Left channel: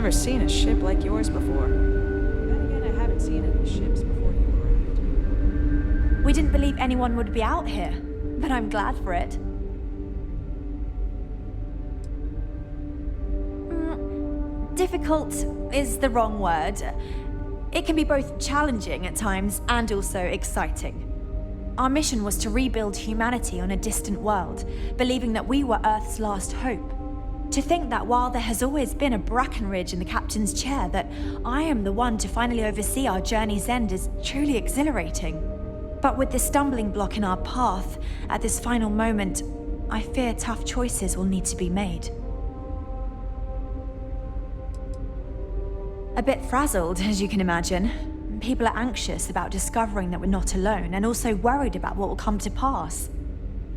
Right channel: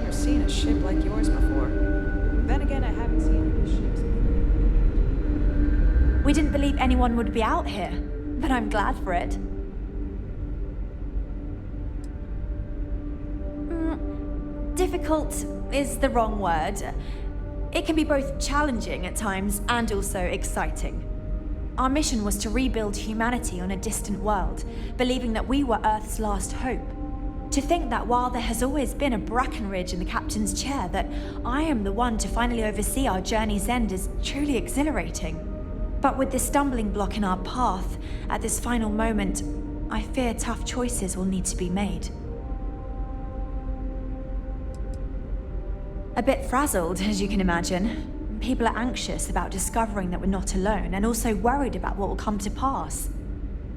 never seen a ship like yours before. Then again, I haven't seen any ships before you arrived. We didn't believe anyone would be out here, but I'm glad for it. Difficult is the wrong word. It can be both challenging at times and also exciting. Our mission was to rebuild humanity on a distant world, believing that we were Earth's last hope. To think that while there has always been a Brackenridge in the captain's chair, that I am the one to finally oversee our journey's end is truly exhilarating. But with this stumbling block in our path, at this final moment, I fear tough choices will need to be made. A bit frazzled, as you can imagine. People are anxious about discovering that we're not alone, and also worried about what will come to pass.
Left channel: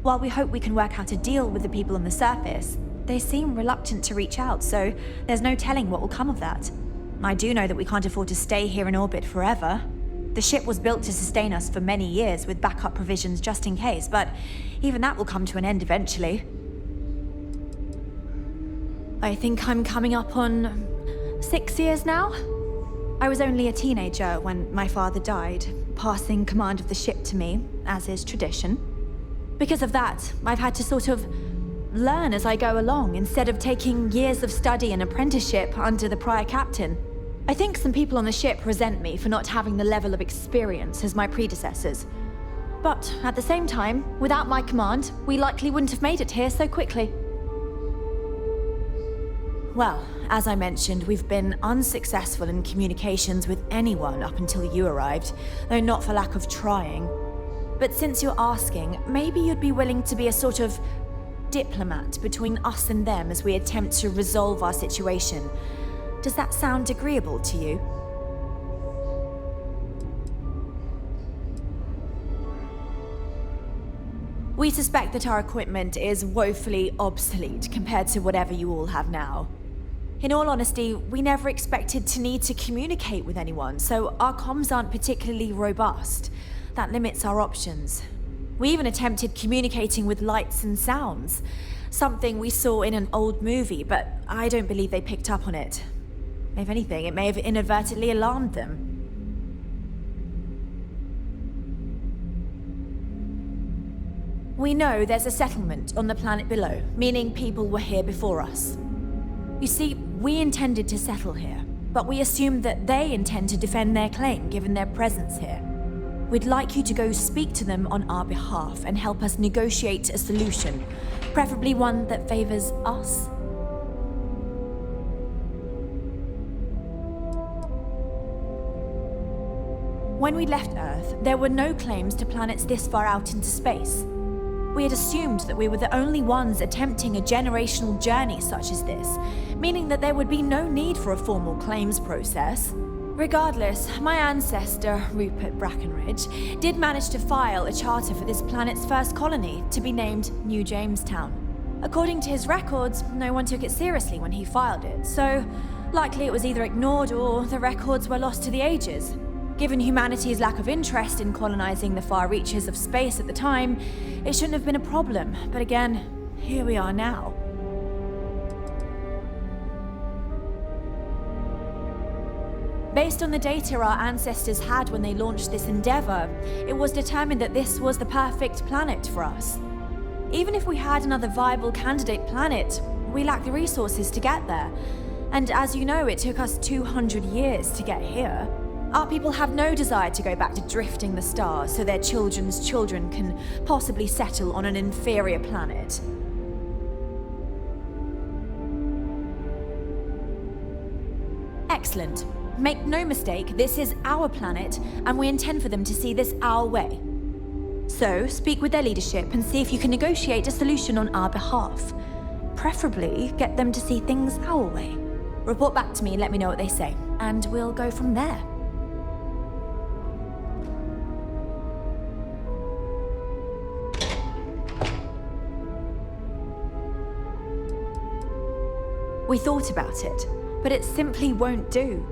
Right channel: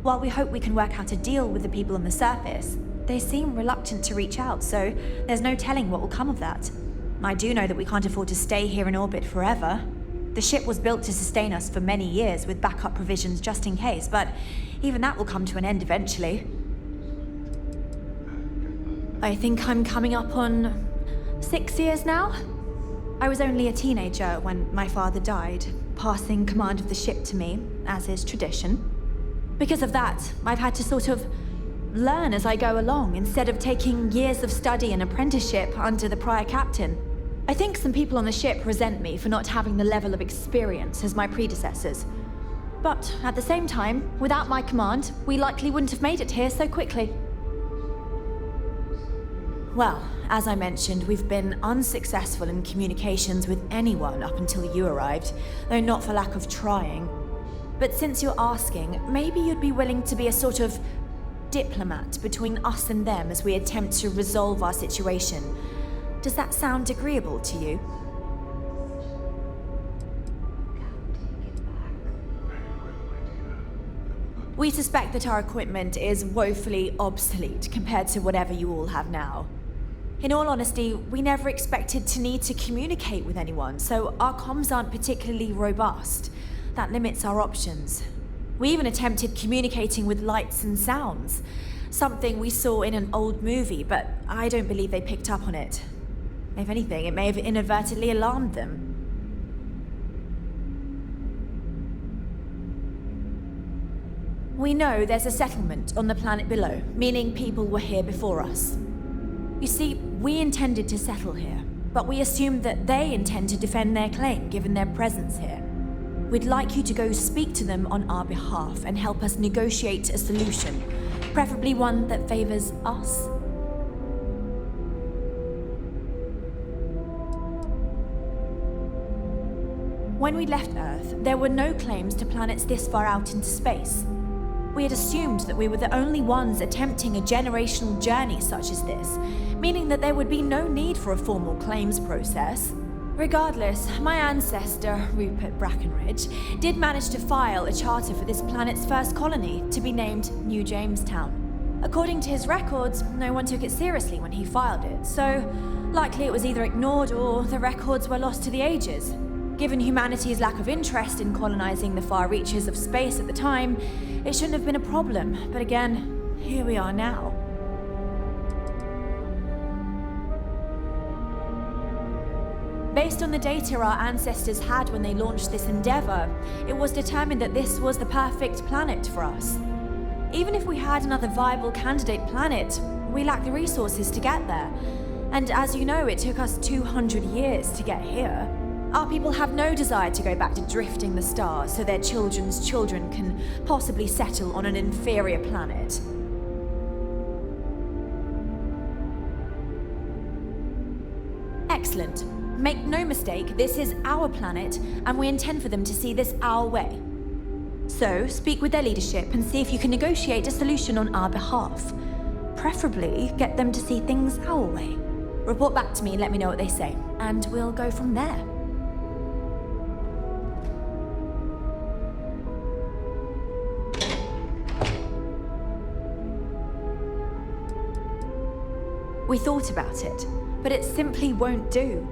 While we hope we can work out a deal with the people on the surface, they seem reluctant to reach out, so there's no telling what will come of that. I do know that we can't afford to stay here in orbit forever. The ship was built to sustain us for many years with backup provisions just in case, but even that will come to an end eventually. I think I'm coming up on 6 years now? I was only a teenager when my father died, passing command of the ship to me, as is tradition. Because of that, I've had to sort of learn as I go along, instead of taking years of study and apprenticeship under the prior captain. I think some people on the ship resent me for not having the level of experience as my predecessors. But at the same time, without my command, we likely wouldn't have made it here so quickly. Well, as I mentioned, we've been unsuccessful in communications with anyone up until you arrived, though not for lack of trying. But since you're asking, maybe you'd be willing to be a sort of diplomat between us and them as we attempt to resolve our situation. Does that sound agreeable to you? We suspect that our equipment is woefully obsolete compared to whatever you all have now. In all honesty, we never expected to need to communicate with anyone, so our comms aren't particularly robust. That limits our options. We even attempted communicating with lights and sounds, something we saw in an old movie, but I don't believe they picked up on it. If anything, it may have inadvertently alarmed them. We know there's a settlement on the planet below, meaning people were here before us. You see, we intended to settle here, but we assumed that they intend to defend their claim given their presence here. We'd like you to go speak to them on our behalf and help us negotiate a solution, preferably one that favors us. When we left Earth, there were no claims to planets this far out into space. We had assumed that we were the only ones attempting a generational journey such as this, meaning that there would be no need for a formal claims process. Regardless, my ancestor, Rupert Brackenridge, did manage to file a charter for this planet's first colony, to be named New Jamestown. According to his records, no one took it seriously when he filed it, so likely it was either ignored or the records were lost to the ages. Given humanity's lack of interest in colonizing the far reaches of space at the time, it shouldn't have been a problem, but again, here we are now. Based on the data our ancestors had when they launched this endeavor, it was determined that this was the perfect planet for us. Even if we had another viable candidate planet, we lack the resources to get there. And as you know, it took us 200 years to get here. Our people have no desire to go back to drifting the stars so their children's children can possibly settle on an inferior planet. Excellent. Make no mistake, this is our planet, and we intend for them to see this our way. So, speak with their leadership and see if you can negotiate a solution on our behalf. Preferably, get them to see things our way. Report back to me and let me know what they say, and we'll go from there. We thought about it, but it simply won't do.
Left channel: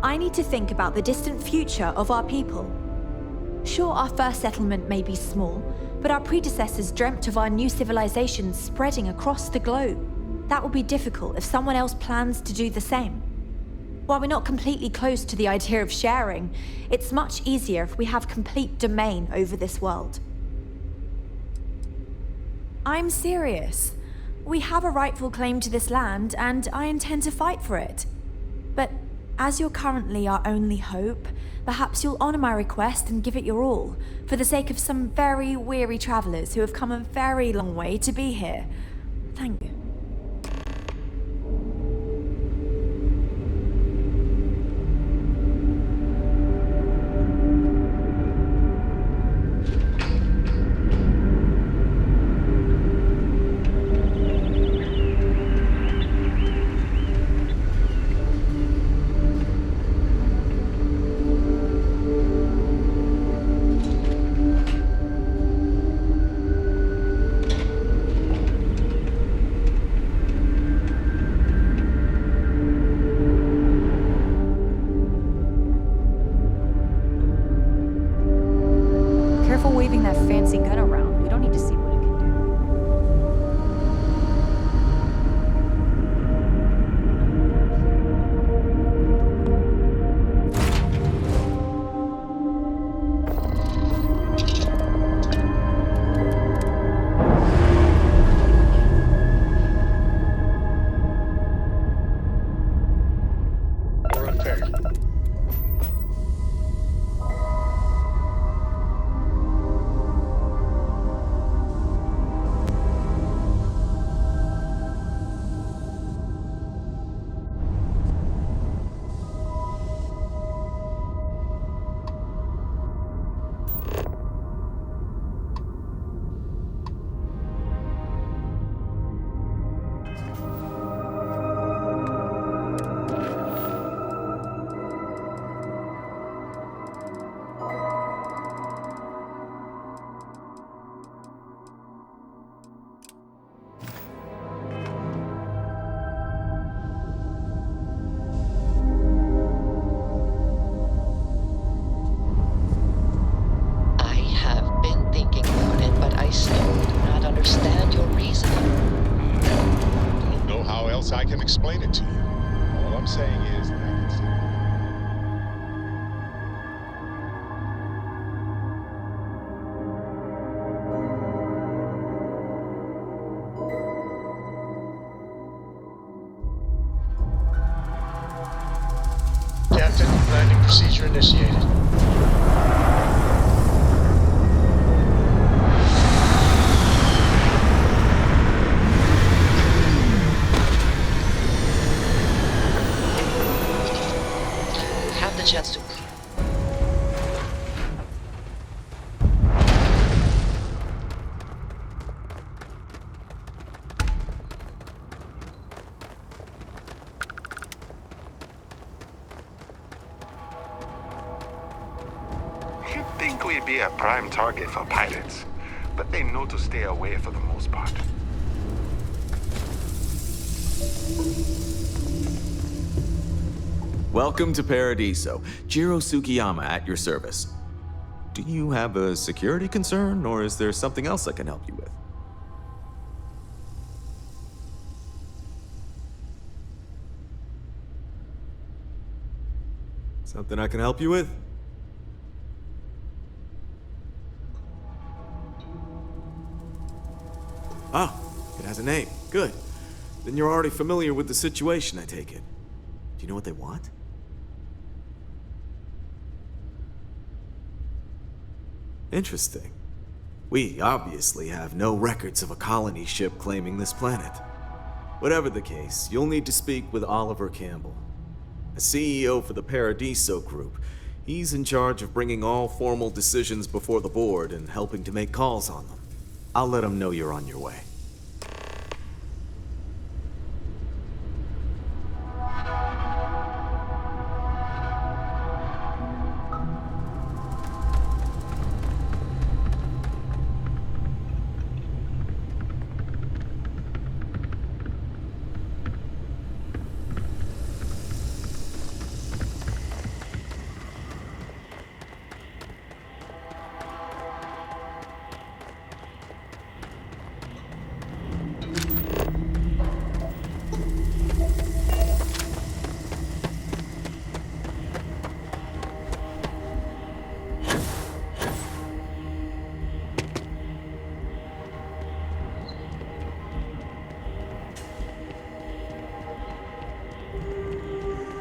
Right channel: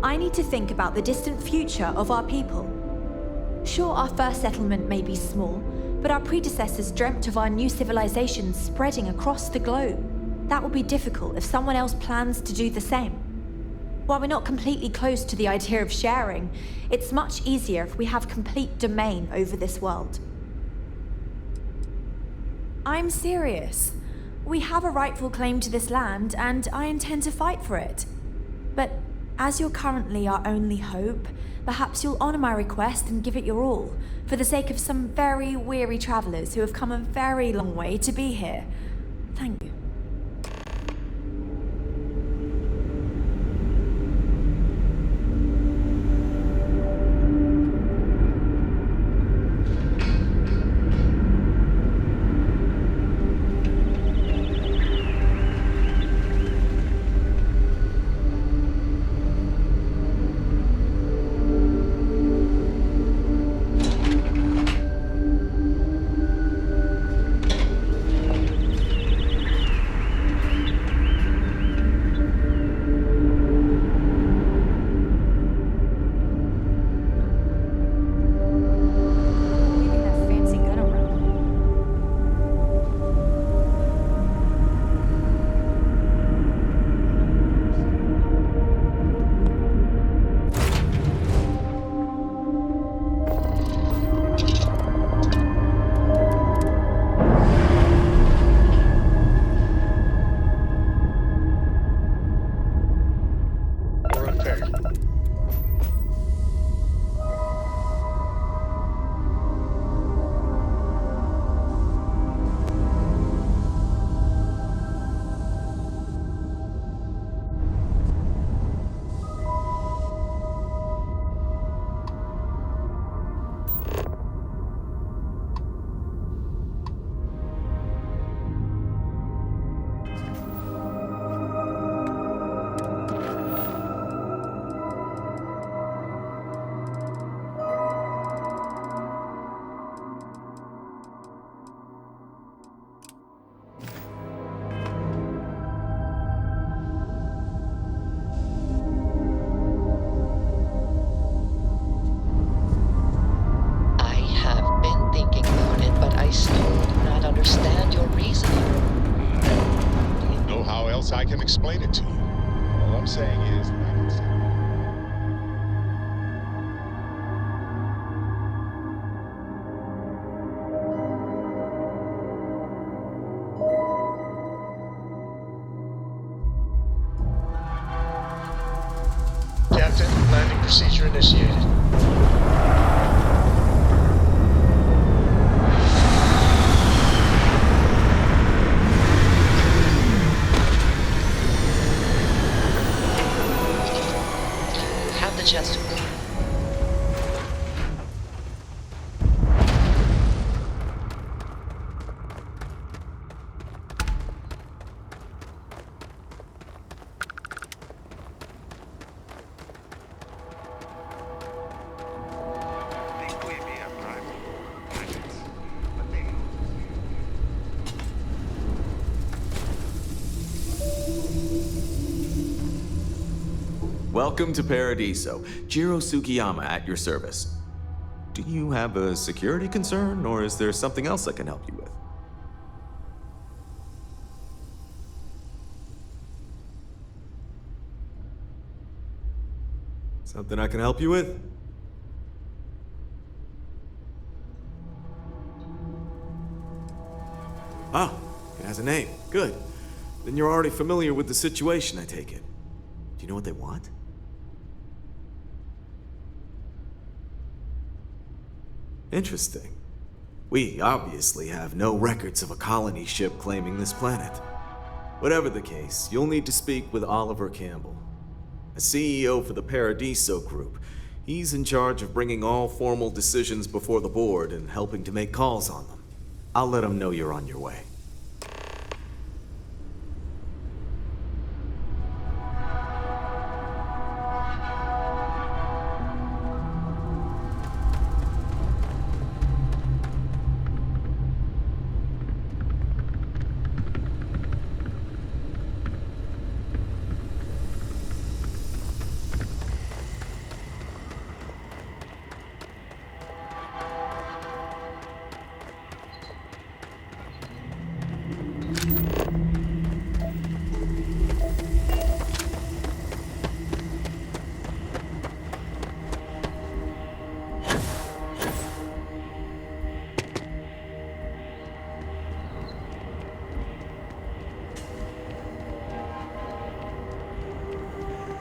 I need to think about the distant future of our people. Sure, our first settlement may be small, but our predecessors dreamt of our new civilization spreading across the globe. That will be difficult if someone else plans to do the same. While we're not completely close to the idea of sharing, it's much easier if we have complete domain over this world. I'm serious. We have a rightful claim to this land, and I intend to fight for it. But as you're currently our only hope, perhaps you'll honor my request and give it your all, for the sake of some very weary travelers who have come a very long way to be here. Thank you. Careful waving that fancy gun around. We don't need to see what it can We're unpaired. I have been thinking about it, but I still do not understand your reasoning. I don't know how else I can explain it to you. All I'm saying is that I can see. Captain, landing procedure initiated. Have the chance to. You'd think we'd be a prime target for pirates, but they know to stay away for the most part. Welcome to Paradiso. Jiro Sugiyama at your service. Do you have a security concern, or is there something else I can help you with? Something I can help you with? Oh, it has a name. Good. Then you're already familiar with the situation, I take it. Do you know what they want? Interesting. We obviously have no records of a colony ship claiming this planet. Whatever the case, you'll need to speak with Oliver Campbell, a CEO for the Paradiso Group. He's in charge of bringing all formal decisions before the board and helping to make calls on them. I'll let him know you're on your way.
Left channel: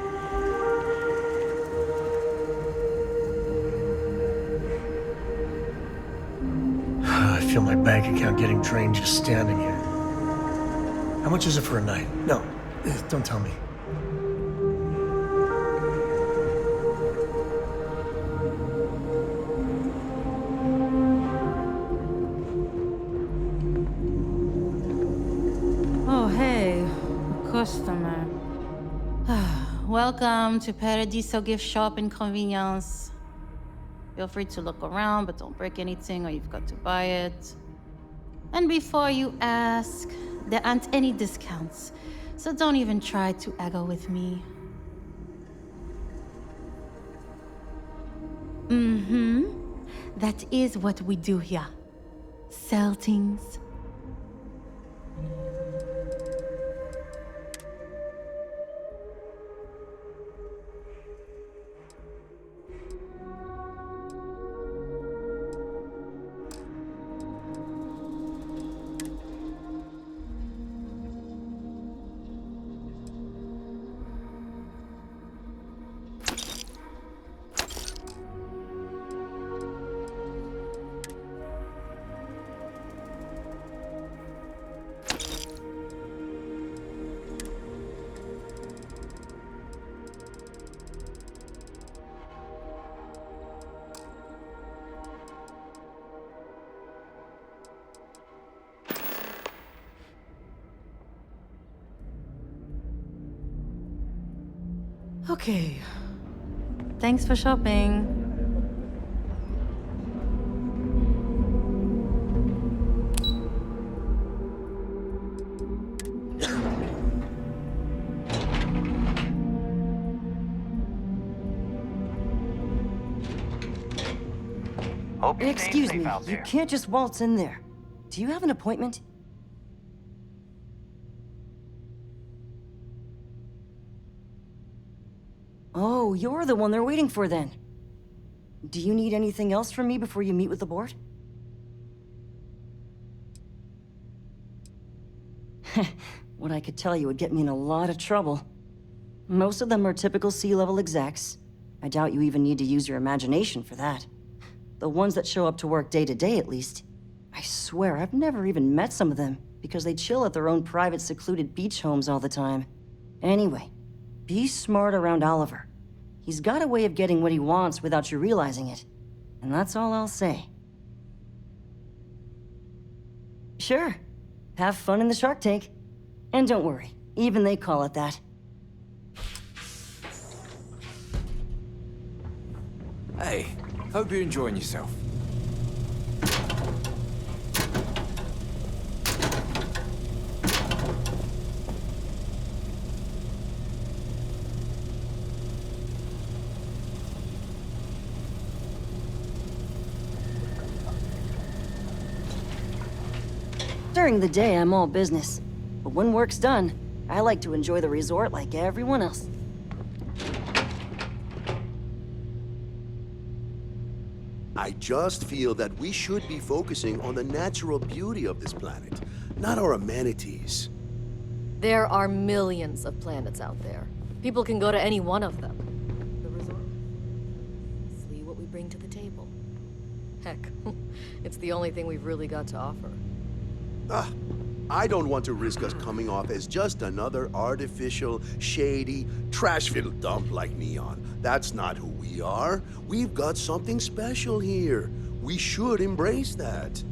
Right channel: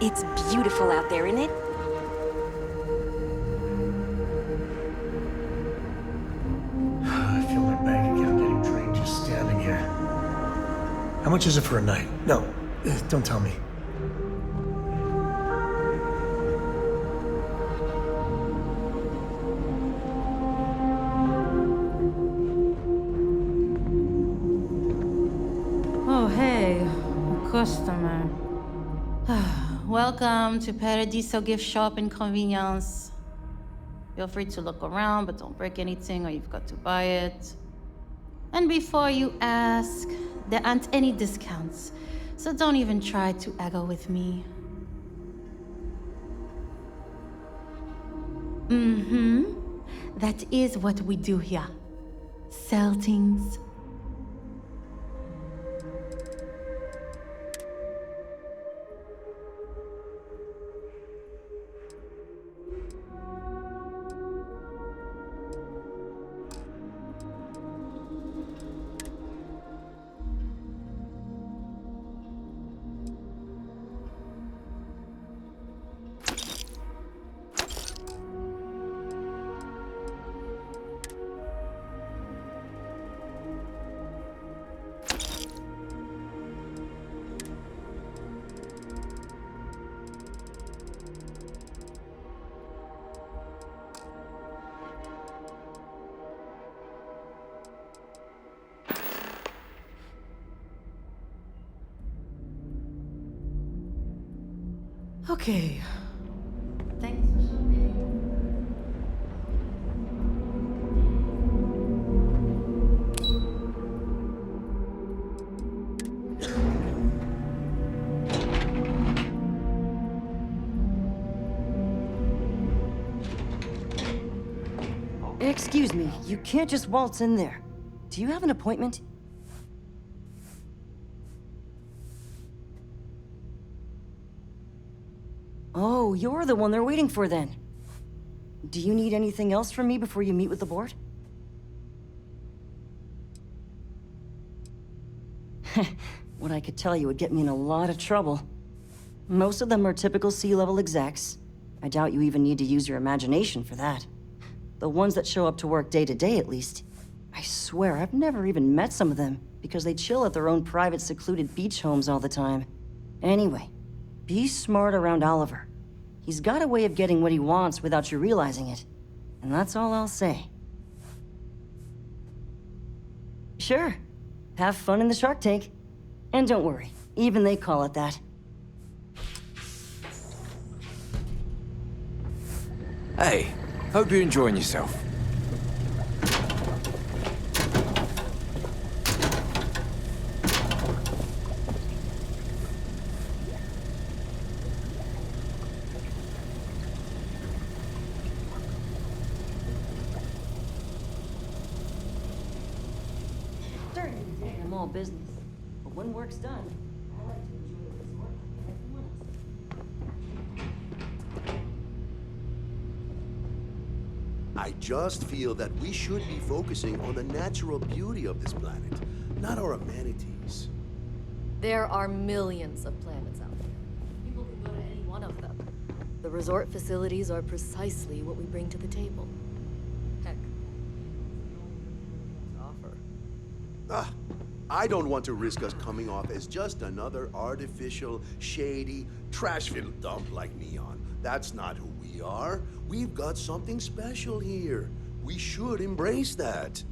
It's beautiful out there, isn't it? I feel my bank account getting drained just standing here. How much is it for a night? No, don't tell me. Oh, hey, a customer. Welcome to Paradiso Gift Shop and Convenience. Feel free to look around, but don't break anything or you've got to buy it. And before you ask, there aren't any discounts, so don't even try to haggle with me. That is what we do here. Sell things. Okay. Thanks for shopping. Excuse me, you can't just waltz in there. Do you have an appointment? Oh, you're the one they're waiting for then. Do you need anything else from me before you meet with the board? What I could tell you would get me in a lot of trouble. Most of them are typical C-level execs. I doubt you even need to use your imagination for that. The ones that show up to work day to day, at least. I swear, I've never even met some of them, because they chill at their own private, secluded beach homes all the time. Anyway, be smart around Oliver. He's got a way of getting what he wants without you realizing it. And that's all I'll say. Sure. Have fun in the shark tank. And don't worry, even they call it that. Hey, hope you're enjoying yourself. During the day, I'm all business. But when work's done, I like to enjoy the resort like everyone else. I just feel that we should be focusing on the natural beauty of this planet, not our amenities. There are millions of planets out there. People can go to any one of them. The resort facilities are precisely what we bring to the table. Heck, it's the only thing we've really got to offer. I don't want to risk us coming off as just another artificial, shady, trash-filled dump like Neon. That's not who we are. We've got something special here. We should embrace that.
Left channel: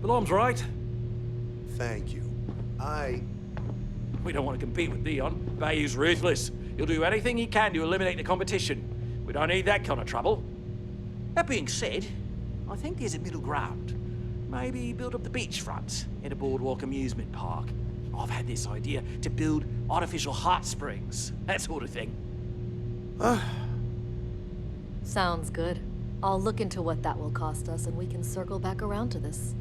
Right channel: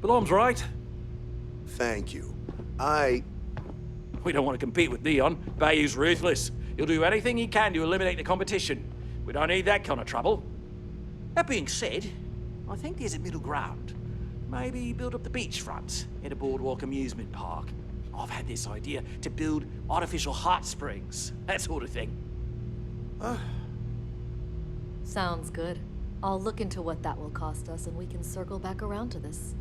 Belom's right. Thank you. We don't want to compete with Neon. Bayou's ruthless. He'll do anything he can to eliminate the competition. We don't need that kind of trouble. That being said, I think there's a middle ground. Maybe build up the beachfront in a boardwalk amusement park. I've had this idea to build artificial hot springs, that sort of thing. Sounds good. I'll look into what that will cost us and we can circle back around to this.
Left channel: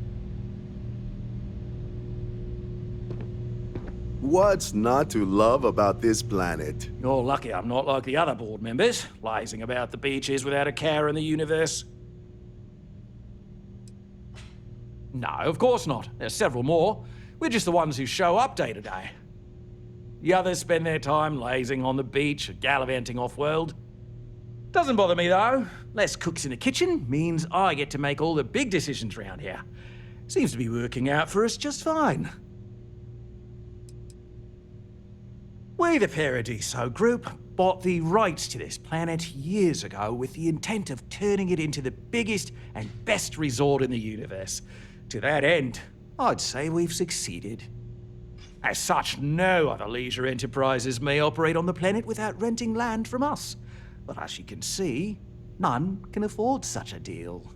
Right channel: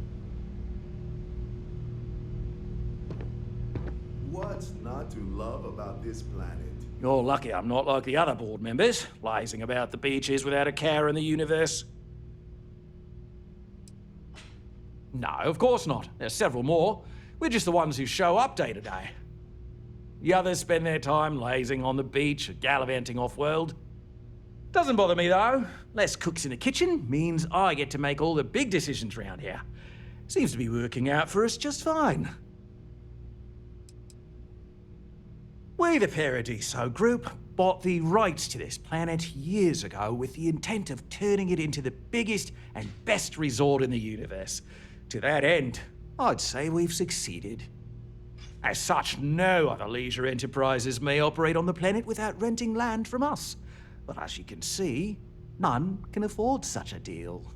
What's not to love about this planet? You're lucky I'm not like the other board members, lazing about the beaches without a care in the universe. No, of course not. There's several more. We're just the ones who show up day to day. The others spend their time lazing on the beach or gallivanting off-world. Doesn't bother me, though. Less cooks in the kitchen means I get to make all the big decisions around here. Seems to be working out for us just fine. We, the Paradiso Group, bought the rights to this planet years ago with the intent of turning it into the biggest and best resort in the universe. To that end, I'd say we've succeeded. As such, no other leisure enterprises may operate on the planet without renting land from us. But as you can see, none can afford such a deal.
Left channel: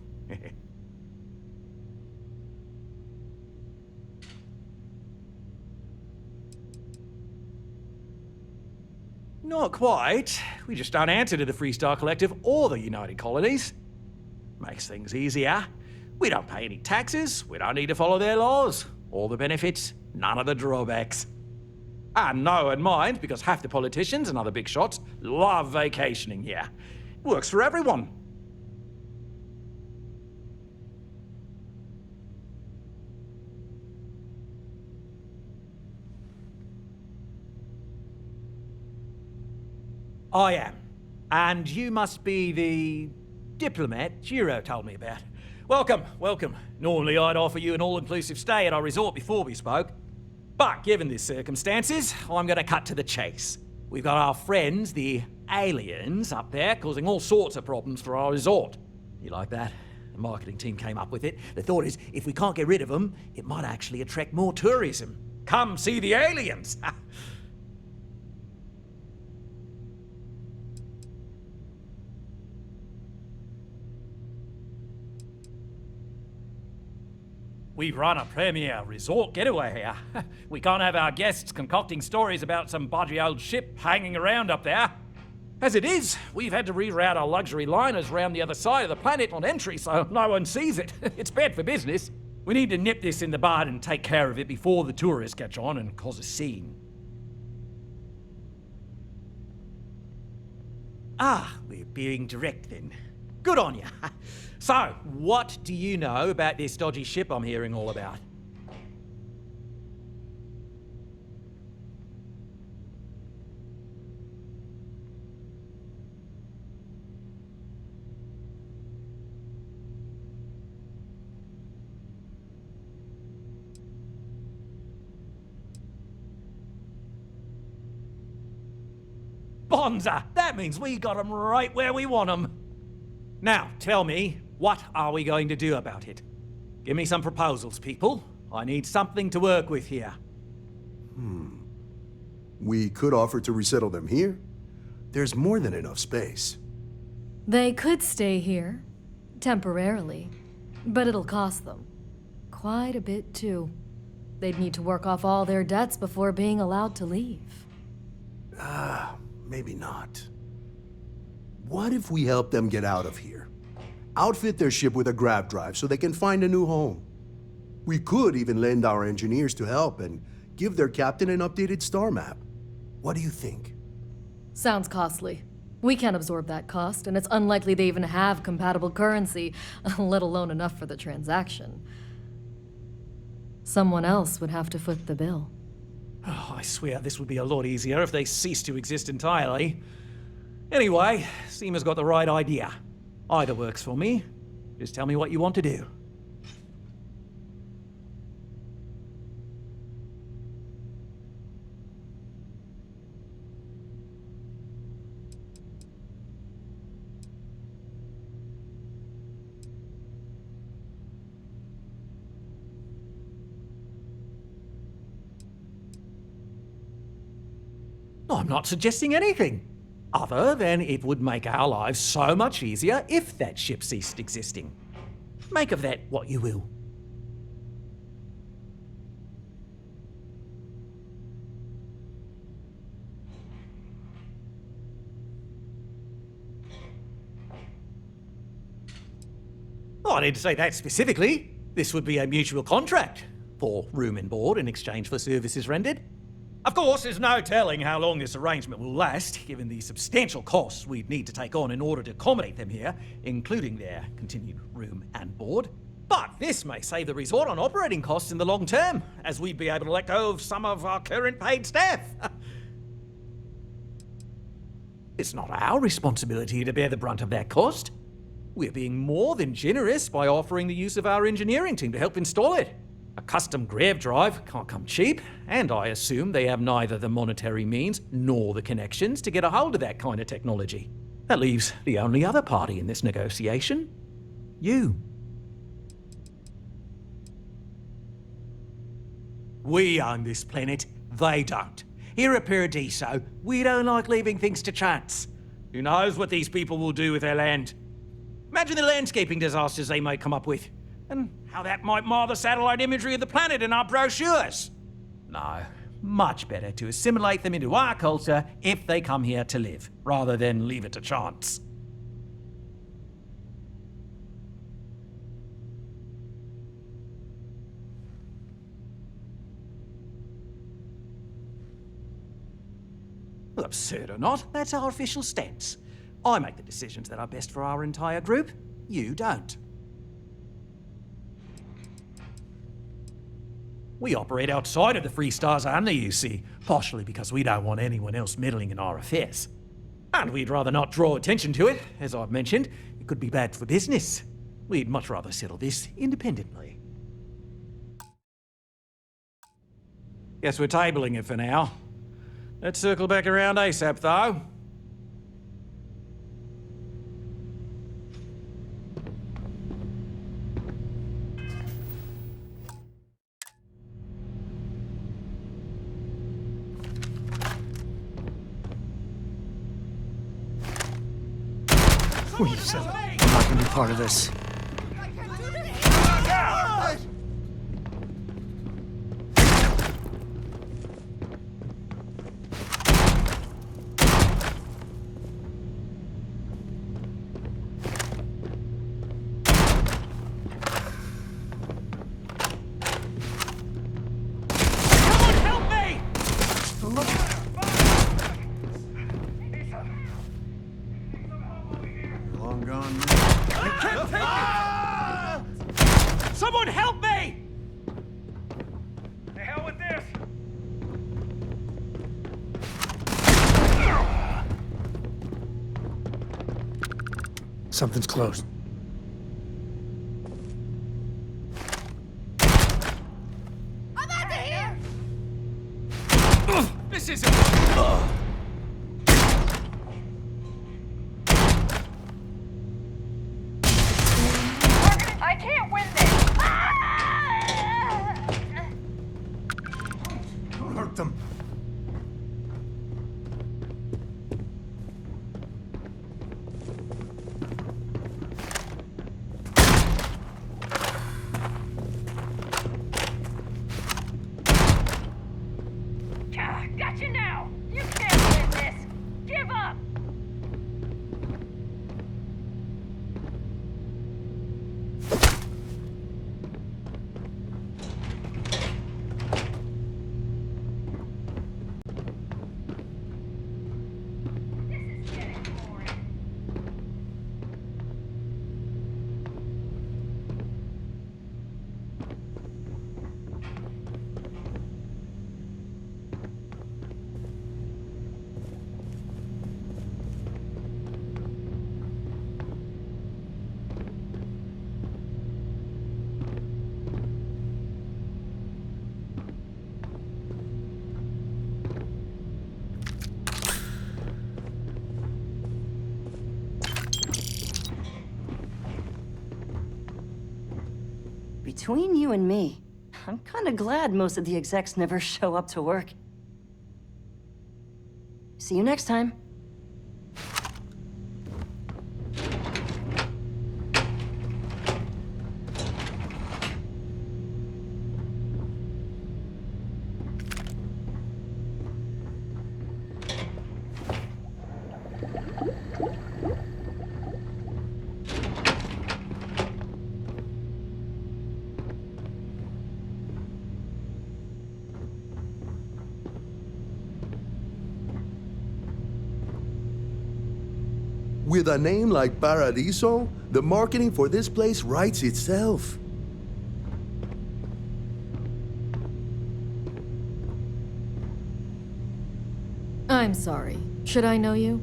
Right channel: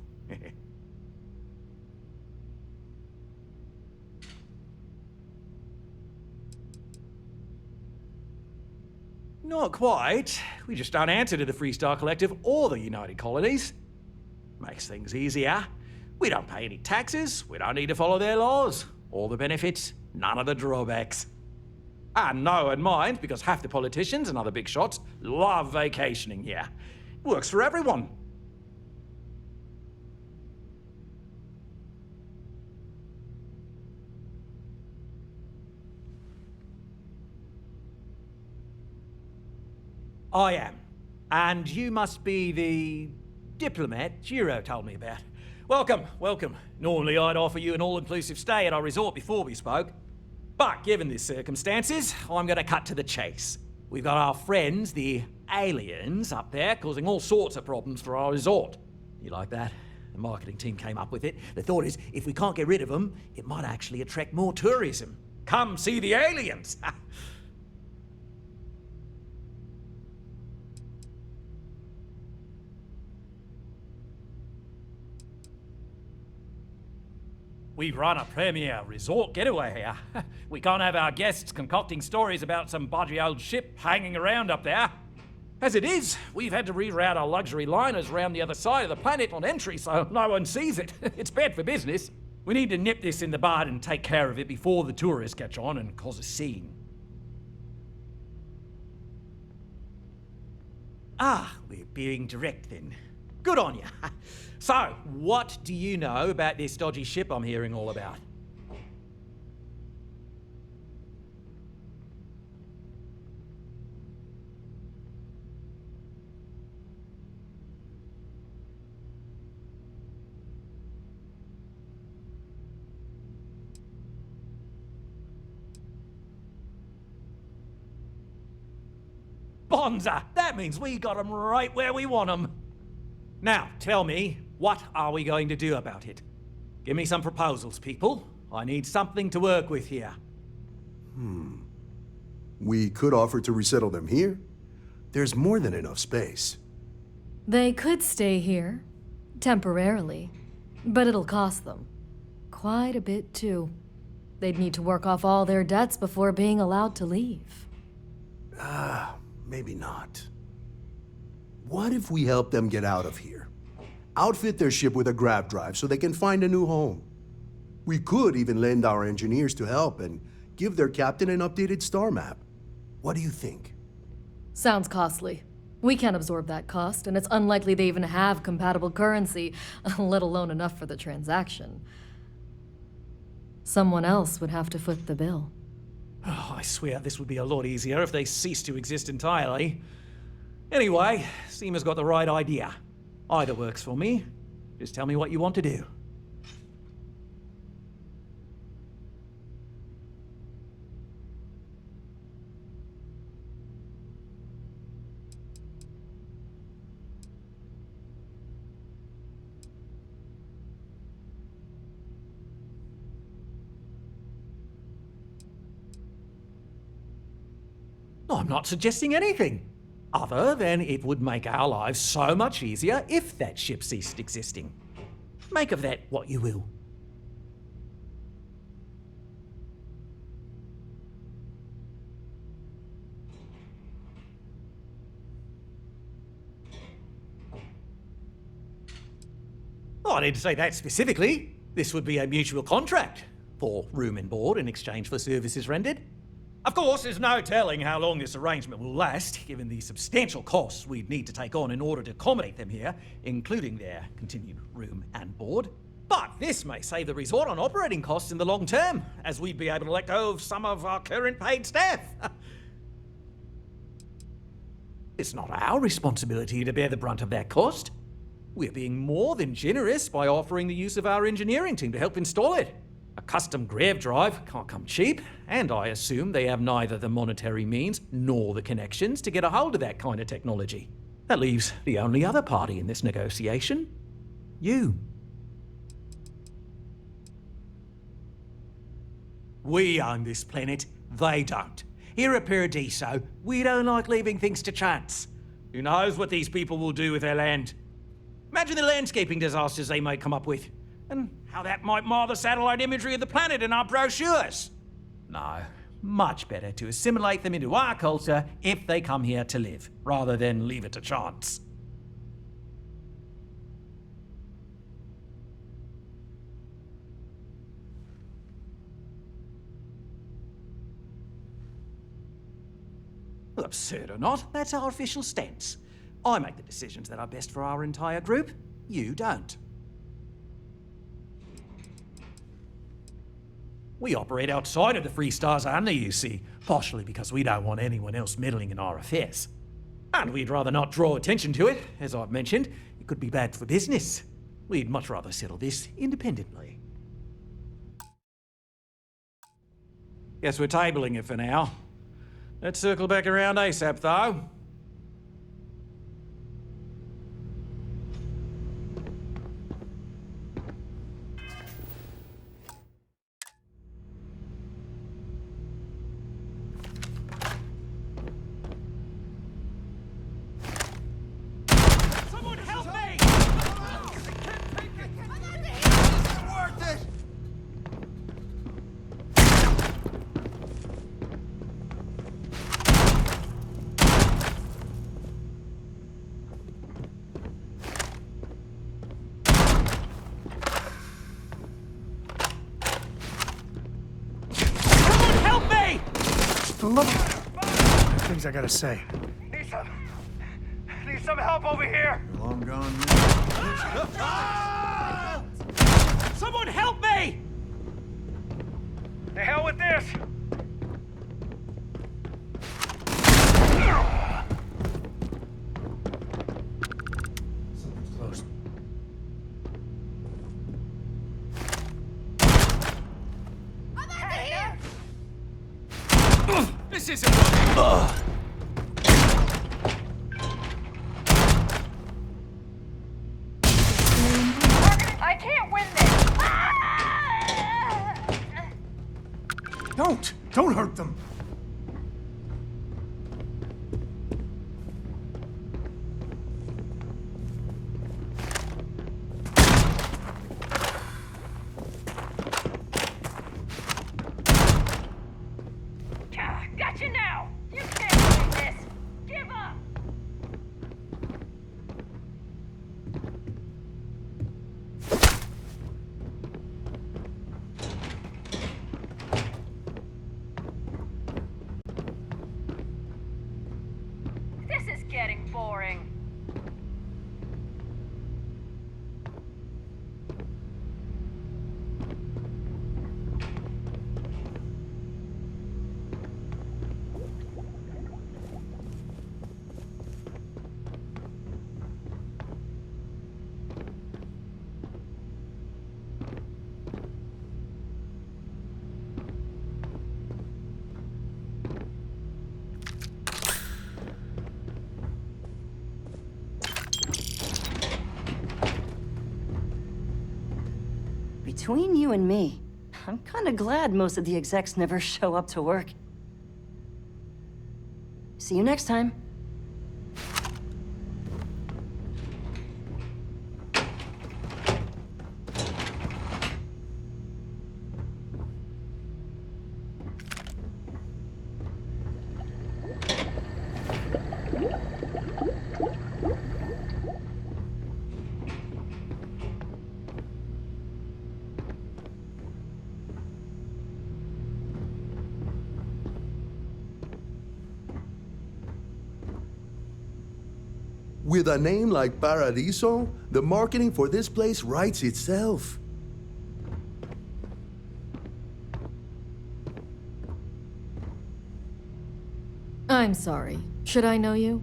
Not quite. We just don't answer to the Freestar Collective or the United Colonies. Makes things easier. We don't pay any taxes, we don't need to follow their laws. All the benefits, none of the drawbacks. And no one minds, because half the politicians and other big shots love vacationing here. Works for everyone. I am. And you must be the diplomat Giro told me about. Welcome, welcome. Normally I'd offer you an all-inclusive stay at our resort before we spoke. But given the circumstances, I'm going to cut to the chase. We've got our friends, the aliens, up there causing all sorts of problems for our resort. You like that? The marketing team came up with it. The thought is, if we can't get rid of them, it might actually attract more tourism. Come see the aliens! We run a premier resort getaway here. We can't have our guests concocting stories about some budgy old ship hanging around up there. As it is, we've had to reroute our luxury liners round the other side of the planet on entry so no one sees it. It's bad for business. We need to nip this in the bud and take care of it before the tourists catch on and cause a scene. Ah, we're being direct then. Good on you. So, what do you know about this dodgy ship I'm hearing all about? Bonza! That means we got 'em right where we want 'em. Now, tell me, what are we going to do about it? Give me some proposals, people. I need something to work with here. We could offer to resettle them here. There's more than enough space. They could stay here, temporarily, but it'll cost them. Quite a bit, too. They'd need to work off all their debts before being allowed to leave. Maybe not. What if we help them get out of here? Outfit their ship with a grav drive so they can find a new home. We could even lend our engineers to help and give their captain an updated star map. What do you think? Sounds costly. We can't absorb that cost, and it's unlikely they even have compatible currency, let alone enough for the transaction. Someone else would have to foot the bill. Oh, I swear this would be a lot easier if they ceased to exist entirely. Anyway, Seema's got the right idea. Either works for me. Just tell me what you want to do. I'm not suggesting anything, other than it would make our lives so much easier if that ship ceased existing. Make of that what you will. Oh, I need to say that specifically. This would be a mutual contract for room and board in exchange for services rendered. Of course, there's no telling how long this arrangement will last, given the substantial costs we'd need to take on in order to accommodate them here, including their continued room and board. But this may save the resort on operating costs in the long term, as we'd be able to let go of some of our current paid staff. It's not our responsibility to bear the brunt of that cost. We're being more than generous by offering the use of our engineering team to help install it. A custom grav drive can't come cheap, and I assume they have neither the monetary means nor the connections to get a hold of that kind of technology. That leaves the only other party in this negotiation: you. We own this planet, they don't. Here at Paradiso, we don't like leaving things to chance. Who knows what these people will do with their land? Imagine the landscaping disasters they might come up with, and how that might mar the satellite imagery of the planet in our brochures. No, much better to assimilate them into our culture if they come here to live, rather than leave it to chance. Well, absurd or not, that's our official stance. I make the decisions that are best for our entire group. You don't. We operate outside of the Free Stars only, you see, partially because we don't want anyone else meddling in our affairs. And we'd rather not draw attention to it. As I've mentioned, it could be bad for business. We'd much rather settle this independently. Guess we're tabling it for now. Let's circle back around ASAP, though. Please, I'm not part of this. Someone help me! Look! Things I gotta say. Need some help over here. You're long gone now. Someone help me! The hell with this. Something's closed. I'm out of here. This isn't working. I can't win this. Don't hurt them. Got you now. You can't win this. Give up. This is getting boring. Between you and me, I'm kinda glad most of the execs never show up to work. See you next time. With a name like Paradiso, the marketing for this place writes itself. I'm sorry. Should I know you?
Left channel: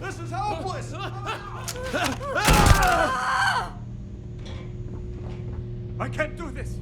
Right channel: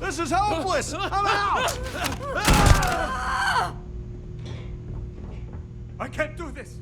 This is hopeless! I'm out! I can't do this!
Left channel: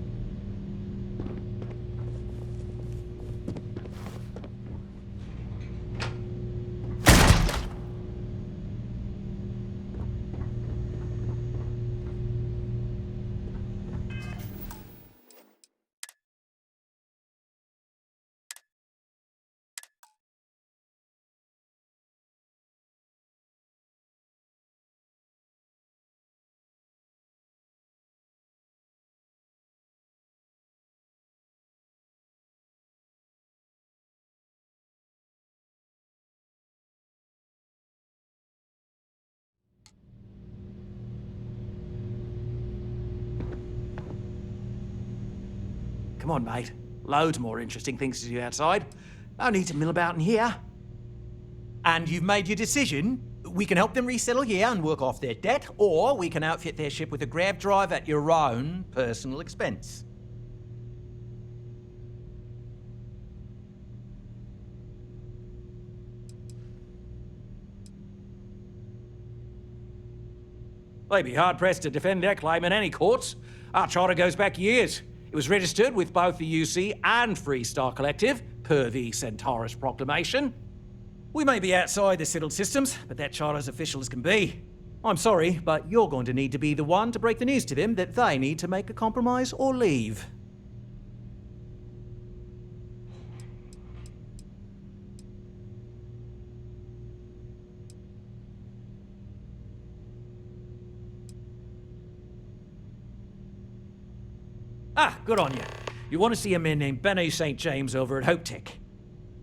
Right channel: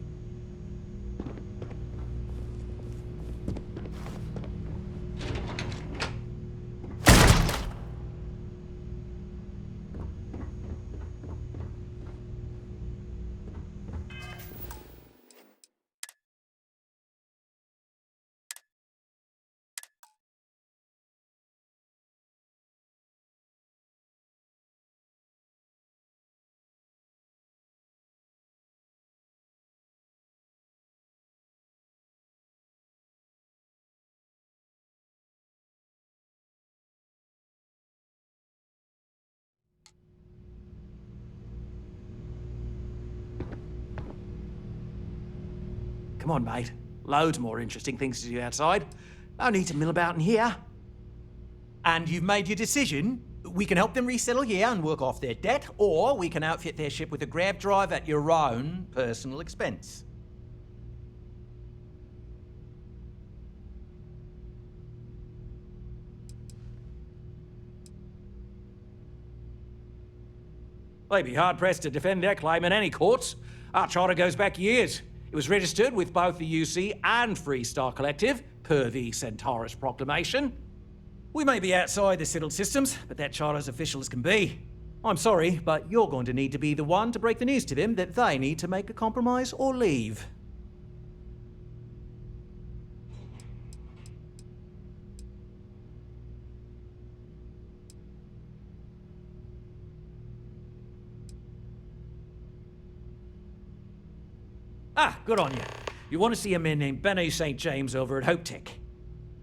Come on, mate. Loads more interesting things to do outside. No need to mill about in here. And you've made your decision? We can help them resettle here and work off their debt, or we can outfit their ship with a grav drive at your own personal expense. They'd be hard-pressed to defend their claim in any courts. Our charter goes back years. It was registered with both the UC and Freestar Collective, per the Centaurus Proclamation. We may be outside the settled systems, but that charter's official as can be. I'm sorry, but you're going to need to be the one to break the news to them that they need to make a compromise or leave. Ah, good on you. You want to see a man named Benny St. James over at Hope Tech.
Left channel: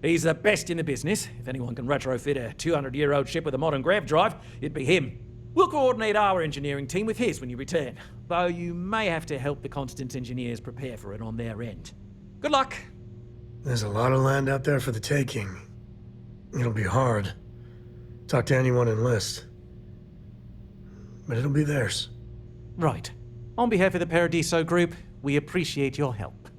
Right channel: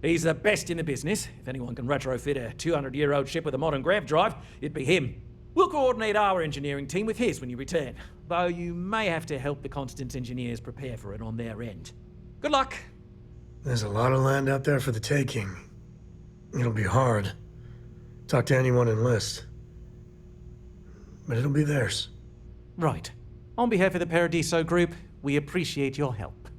He's the best in the business. If anyone can retrofit a 200-year-old ship with a modern grav drive, it'd be him. We'll coordinate our engineering team with his when you return, though you may have to help the Constance engineers prepare for it on their end. Good luck. There's a lot of land out there for the taking. It'll be hard. Talk to anyone enlist. But it'll be theirs. Right. On behalf of the Paradiso Group, we appreciate your help.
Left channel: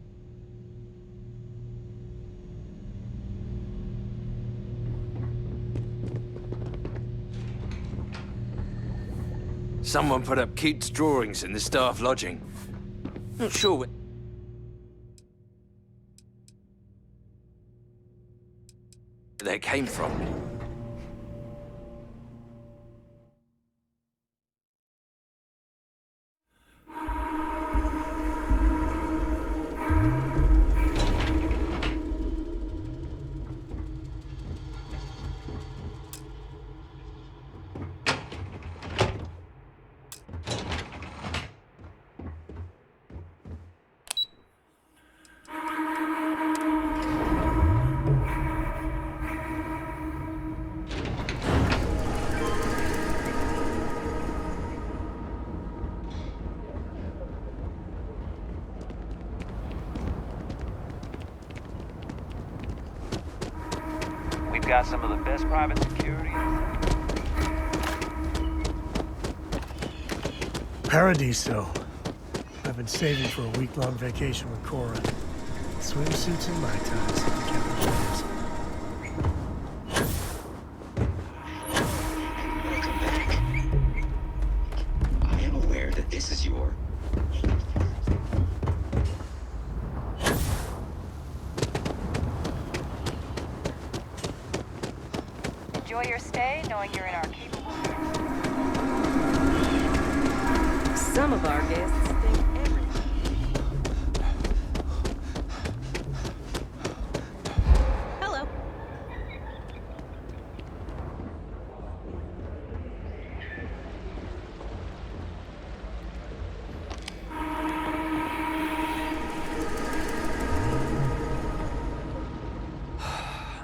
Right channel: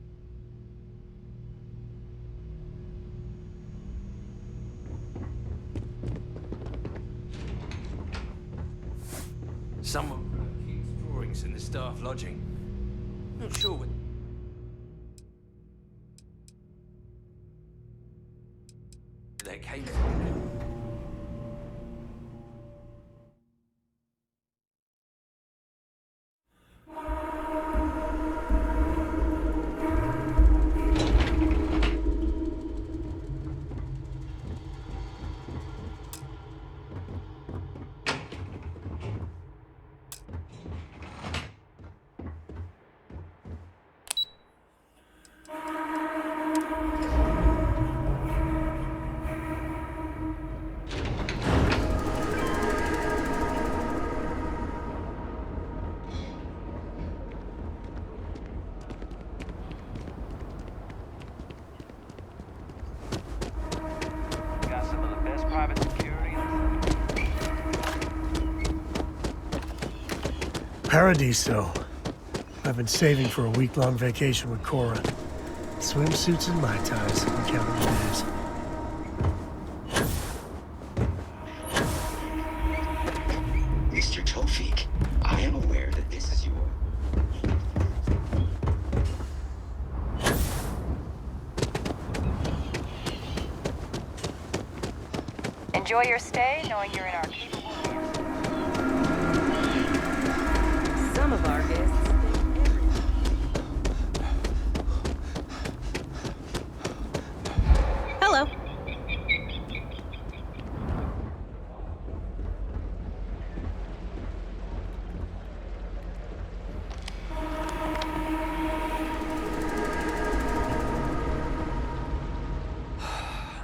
Someone put up Keats' drawings in the staff lodging. Not sure where they came from. Got some of the best private security in the Paradiso. I've been saving for a week-long vacation with Cora. Swimsuits and Mai Tais. I'm counting the days. Mr. Tofik, I am aware that this is your... Enjoy your stay, knowing you're in our capable hands. Some of our guests think everything. Hello.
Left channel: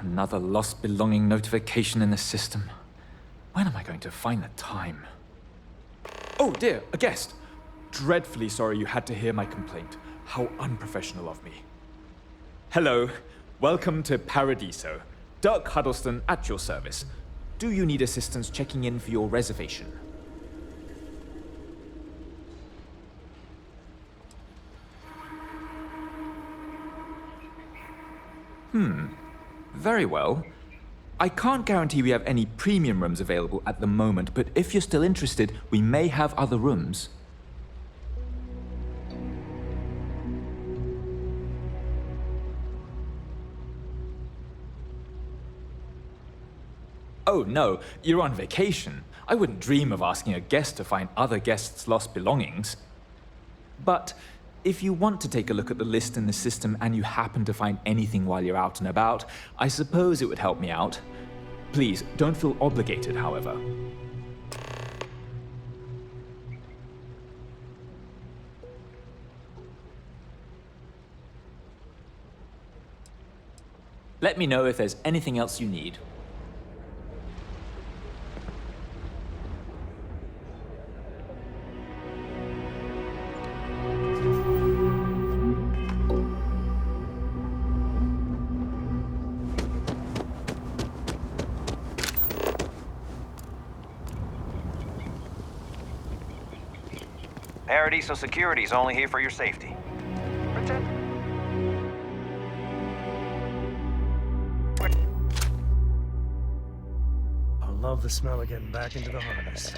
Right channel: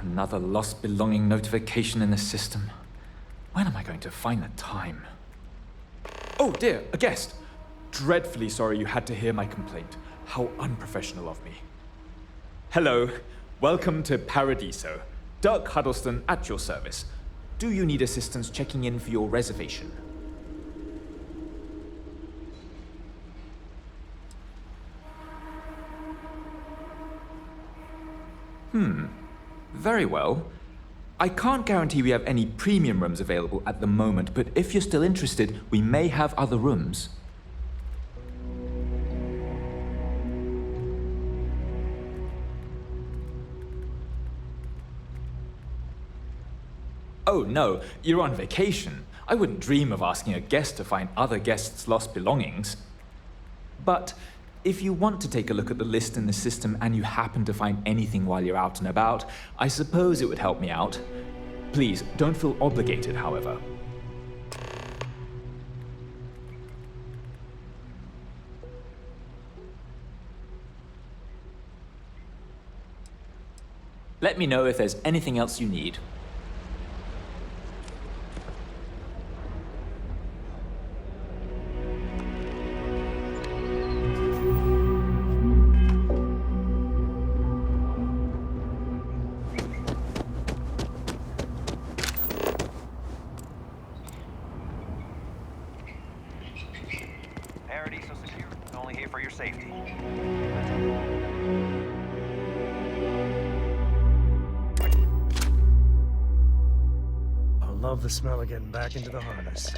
Another lost belonging notification in the system. When am I going to find the time? Oh dear, a guest. dreadfully sorry you had to hear my complaint. How unprofessional of me. Hello, welcome to Paradiso. Dirk Huddleston at your service. Do you need assistance checking in for your reservation? Very well. I can't guarantee we have any premium rooms available at the moment, but if you're still interested, we may have other rooms. Oh no, you're on vacation. I wouldn't dream of asking a guest to find other guests' lost belongings. But if you want to take a look at the list in the system and you happen to find anything while you're out and about, I suppose it would help me out. Please, don't feel obligated, however. Let me know if there's anything else you need. Paradiso Security's only here for your safety. I love the smell of getting back into the harness.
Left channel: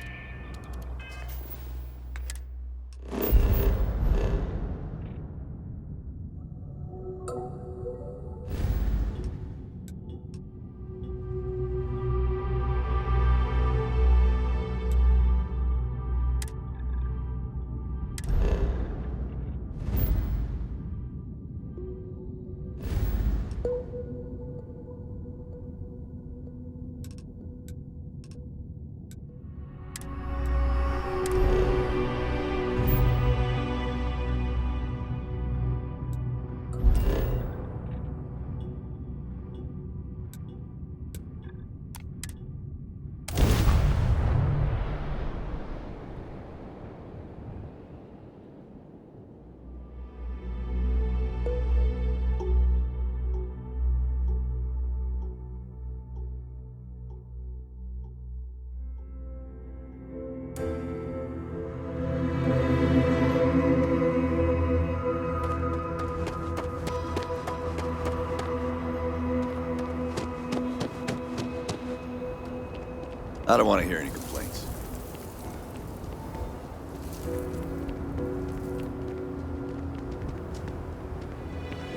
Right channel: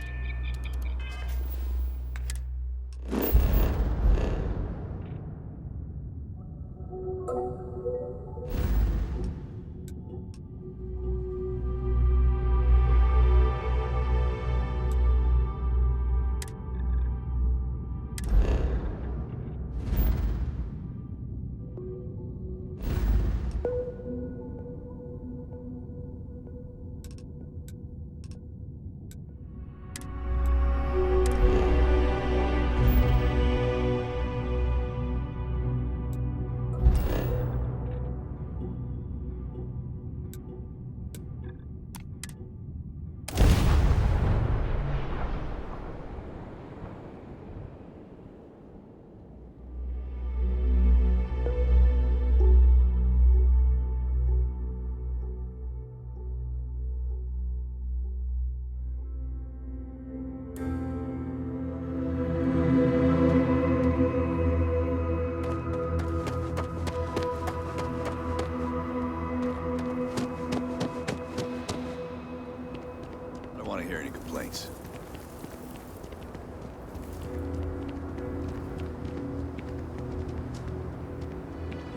I don't want to hear any complaints.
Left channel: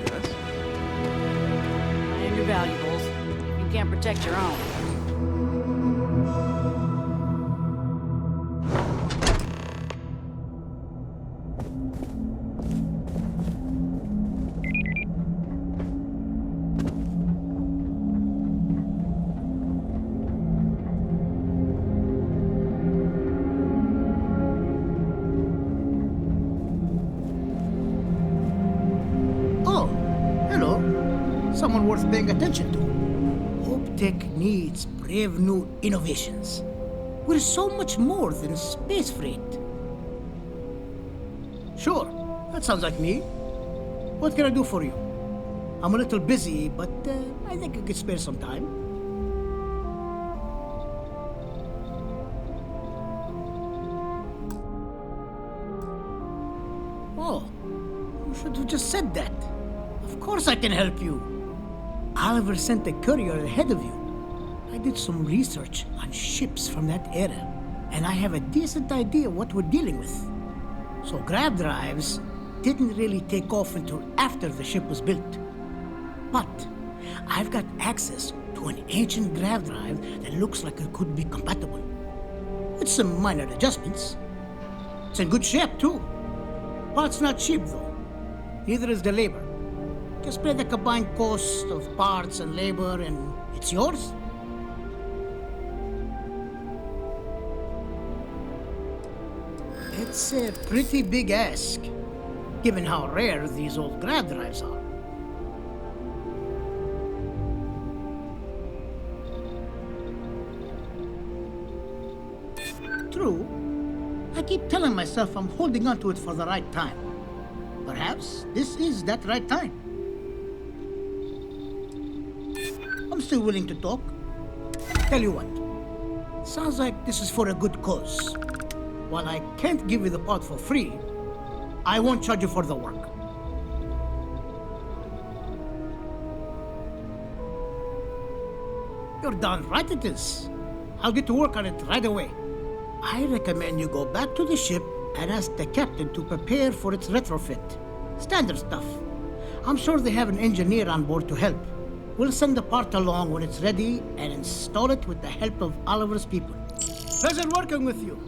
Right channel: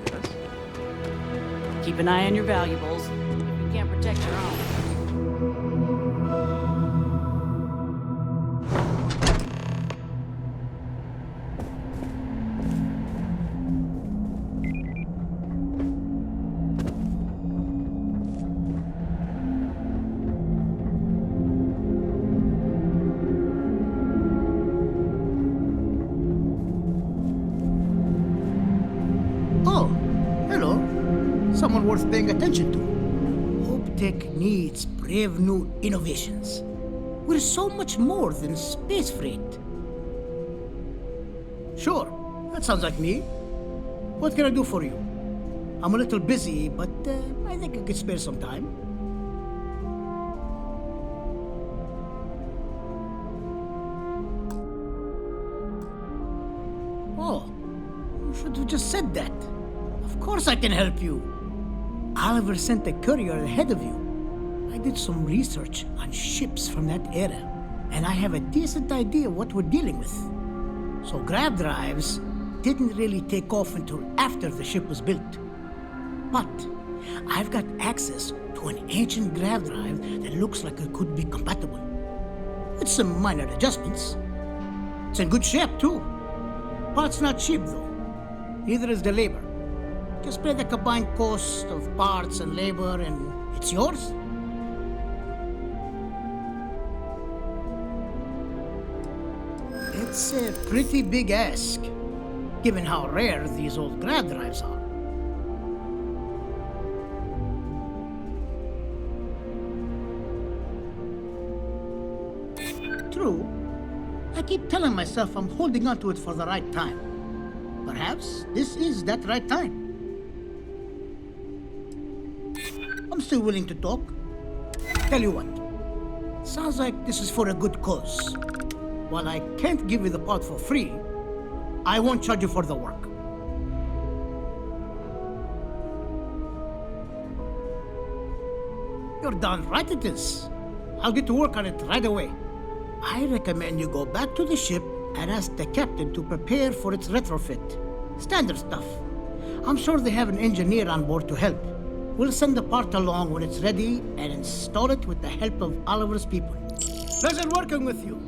Yes? Keep an eye on your valuables. If you can't protect your own. Someone worth paying attention to. Hope Tech needs brave new innovations. We're so much more than space freight. Sure, that sounds like me. What can I do for you? I'm a little busy, but I think I could spare some time. Oh, you should have just said that. Of course I can help you. Oliver sent a courier ahead of you. I did some research on ships from that era, and I have a decent idea what we're dealing with. So grav drives didn't really take off until after the ship was built. But I've got access to an ancient grav drive that looks like it could be compatible. With some minor adjustments. It's in good shape, too. Parts not cheap, though. Neither is the labor. Just pay the combined cost of parts and labor, and it's yours. It's a pretty big ask, given how rare these old grav drives are. True. I keep telling myself I'm holding on to it for the right time. Perhaps this is that right time. I'm still willing to talk. Tell you what, sounds like this is for a good cause. While I can't give you the pod for free, I won't charge you for the work. You're darn right it is. I'll get to work on it right away. I recommend you go back to the ship and ask the captain to prepare for its retrofit. Standard stuff. I'm sure they have an engineer on board to help. We'll send the part along when it's ready and install it with the help of Oliver's people. Pleasure working with you.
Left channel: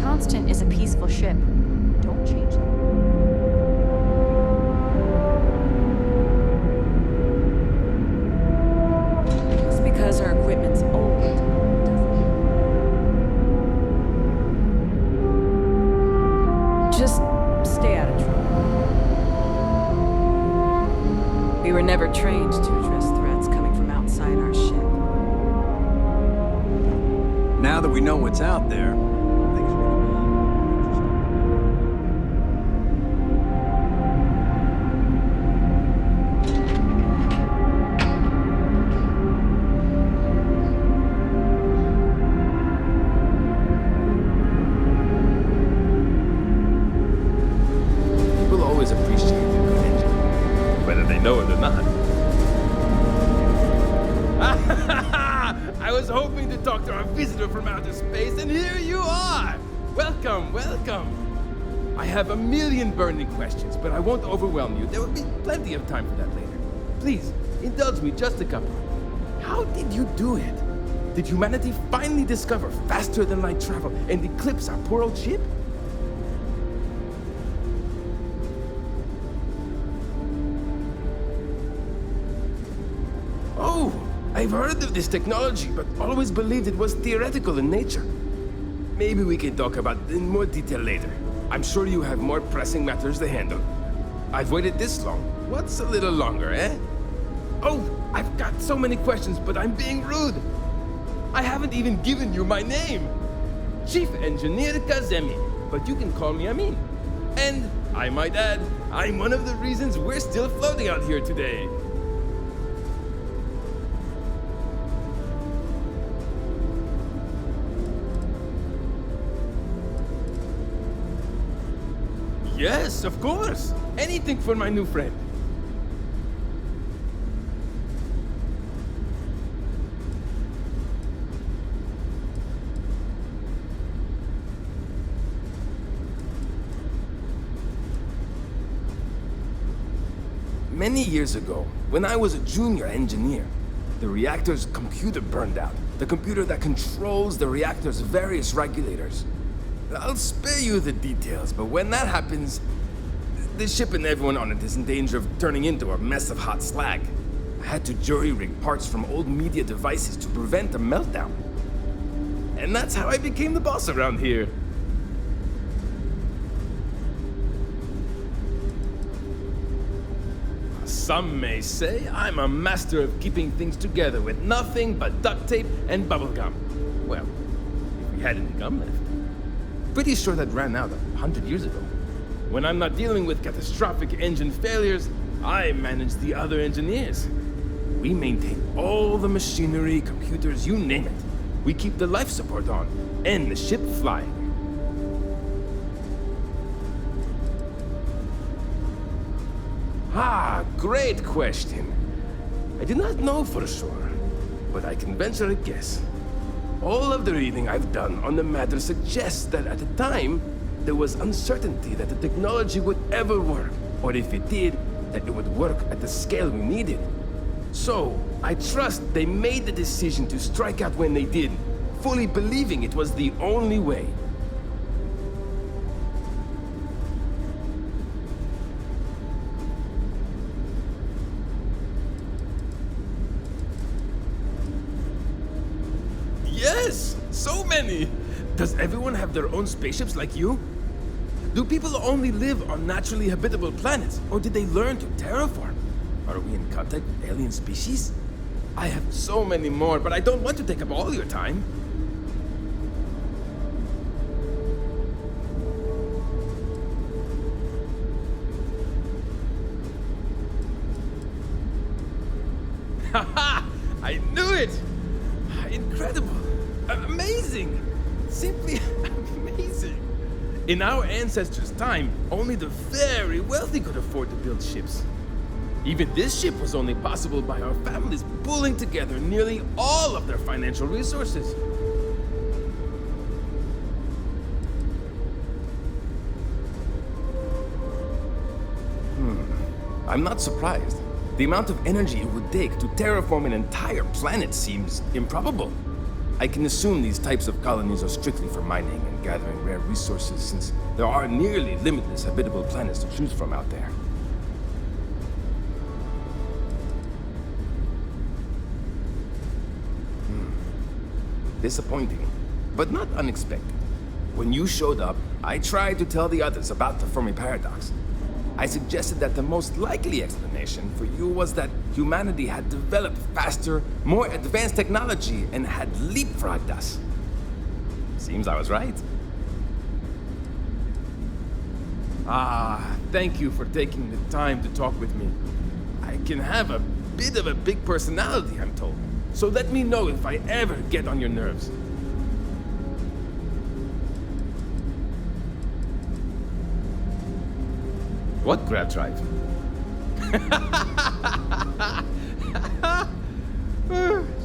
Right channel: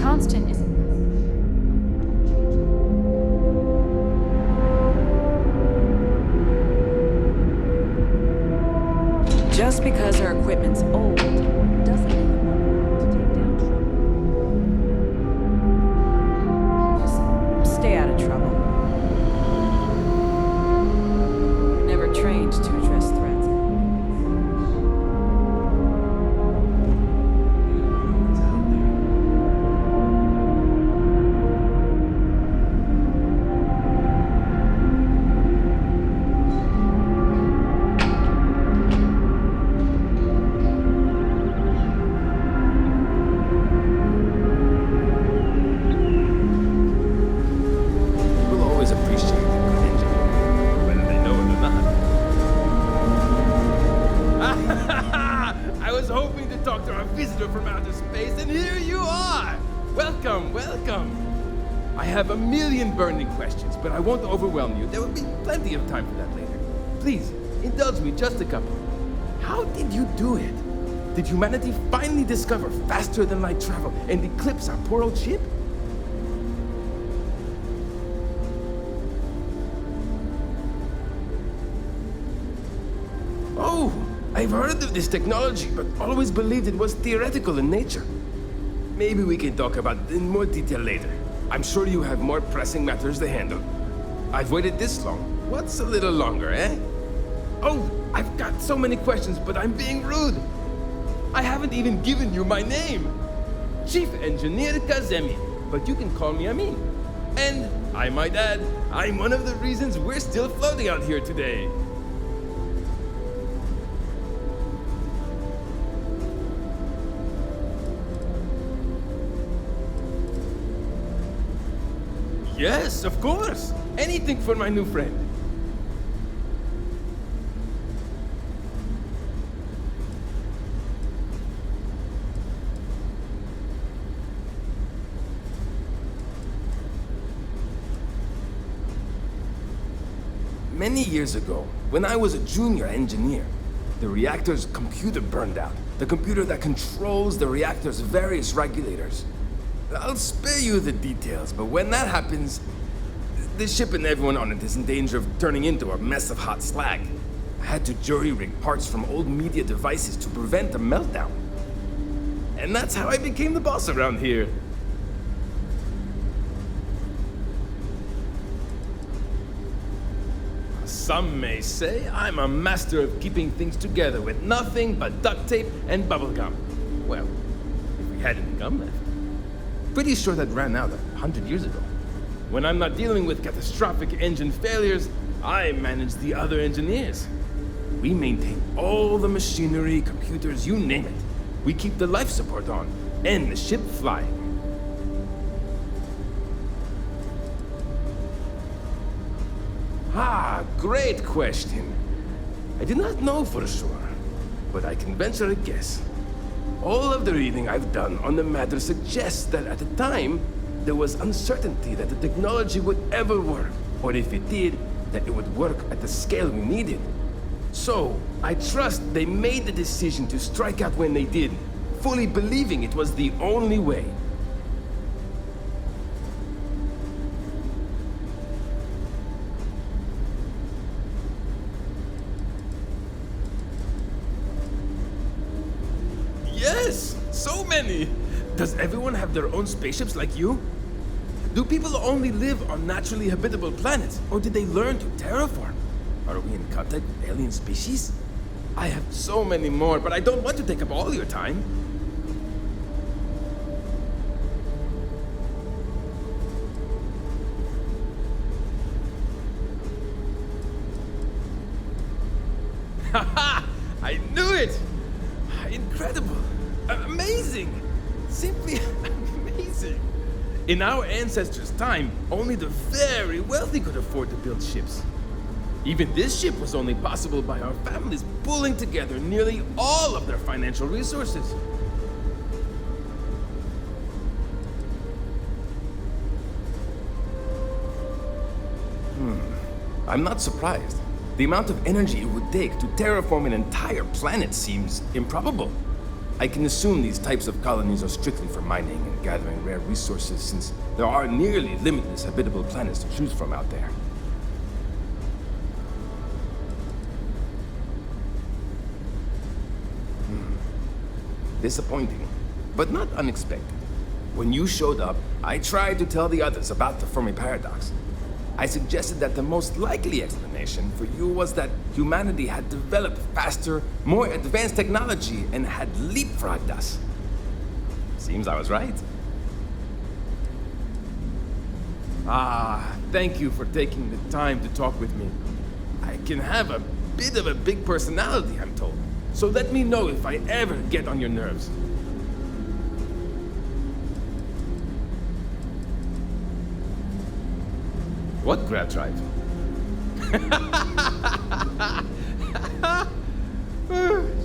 Constant is a peaceful ship. Don't change it. Just because our equipment's old doesn't mean just stay out of trouble. We were never trained to address threats coming from outside our ship. Now that we know what's out there, from outer space, and here you are! Welcome, welcome! I have a million burning questions, but I won't overwhelm you. There will be plenty of time for that later. Please, indulge me just a couple. How did you do it? Did humanity finally discover faster than light travel and eclipse our poor old ship? Oh! I've heard of this technology, but always believed it was theoretical in nature. Maybe we can talk about it in more detail later. I'm sure you have more pressing matters to handle. I've waited this long. What's a little longer, eh? Oh, I've got so many questions, but I'm being rude. I haven't even given you my name. Chief Engineer Kazemi, but you can call me Amin. And, I might add, I'm one of the reasons we're still floating out here today. Yes, of course. Anything for my new friend. Many years ago, when I was a junior engineer, the reactor's computer burned out. The computer that controls the reactor's various regulators. I'll spare you the details, but when that happens, the ship and everyone on it is in danger of turning into a mess of hot slag. I had to jury-rig parts from old media devices to prevent a meltdown. And that's how I became the boss around here. Some may say I'm a master of keeping things together with nothing but duct tape and bubblegum. Well, if we had any gum left. Pretty sure that ran out 100 years ago. When I'm not dealing with catastrophic engine failures, I manage the other engineers. We maintain all the machinery, computers, you name it. We keep the life support on, and the ship flying. Ah, great question. I do not know for sure, but I can venture a guess. All of the reading I've done on the matter suggests that at the time, there was uncertainty that the technology would ever work, or if it did, that it would work at the scale we needed. So, I trust they made the decision to strike out when they did, fully believing it was the only way. Yes! So many! Does everyone have their own spaceships like you? Do people only live on naturally habitable planets, or did they learn to terraform? Are we in contact with alien species? I have so many more, but I don't want to take up all your time. Haha! I knew it! Incredible! Amazing! Simply amazing! In our ancestors' time, only the very wealthy could afford to build ships. Even this ship was only possible by our families pulling together nearly all of their financial resources. I'm not surprised. The amount of energy it would take to terraform an entire planet seems improbable. I can assume these types of colonies are strictly for mining and gathering rare resources, since there are nearly limitless habitable planets to choose from out there. Disappointing, but not unexpected. When you showed up, I tried to tell the others about the Fermi paradox. I suggested that the most likely explanation for you was that humanity had developed faster, more advanced technology and had leapfrogged us. Seems I was right. Ah, thank you for taking the time to talk with me. I can have a bit of a big personality, I'm told. So let me know if I ever get on your nerves. What grab drive?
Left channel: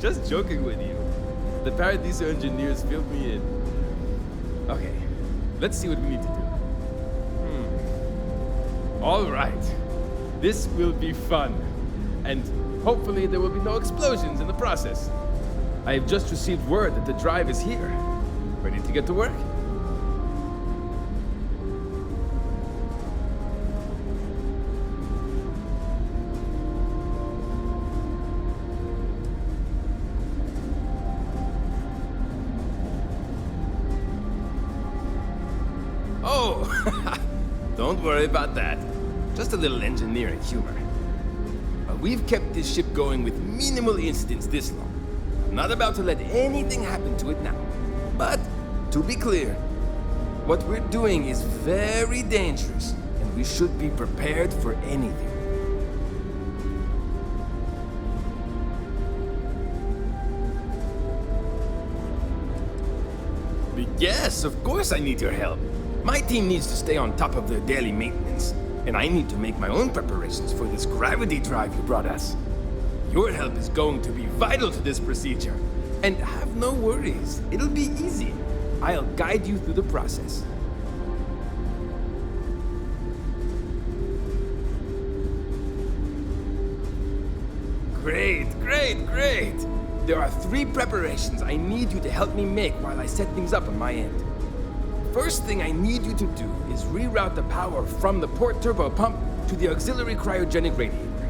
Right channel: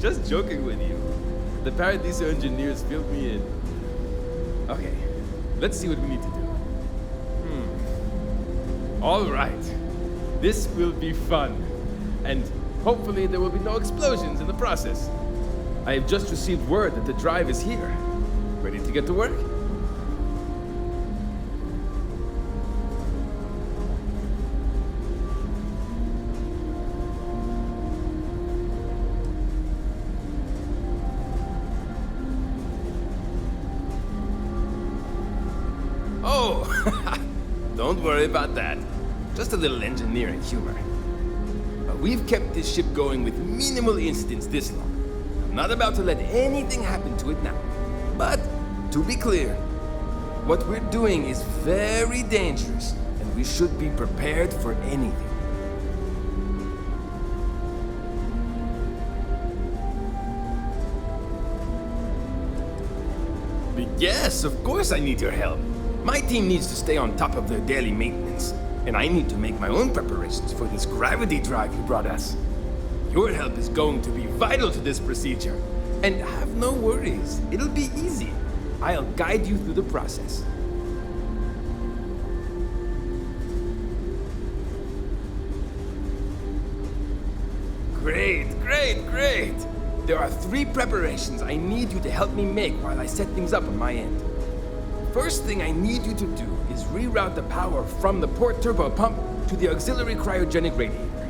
Just joking with you. The Paradiso engineers filled me in. Okay, let's see what we need to do. All right. This will be fun. And hopefully there will be no explosions in the process. I have just received word that the drive is here. Ready to get to work? Oh, don't worry about that. Just a little engineering humor. But we've kept this ship going with minimal incidents this long. I'm not about to let anything happen to it now. But, to be clear, what we're doing is very dangerous, and we should be prepared for anything. Yes, of course I need your help. My team needs to stay on top of their daily maintenance, and I need to make my own preparations for this gravity drive you brought us. Your help is going to be vital to this procedure. And have no worries, it'll be easy. I'll guide you through the process. Great, great, great! There are 3 preparations I need you to help me make while I set things up on my end. First thing I need you to do is reroute the power from the port turbo pump to the auxiliary cryogenic radiator.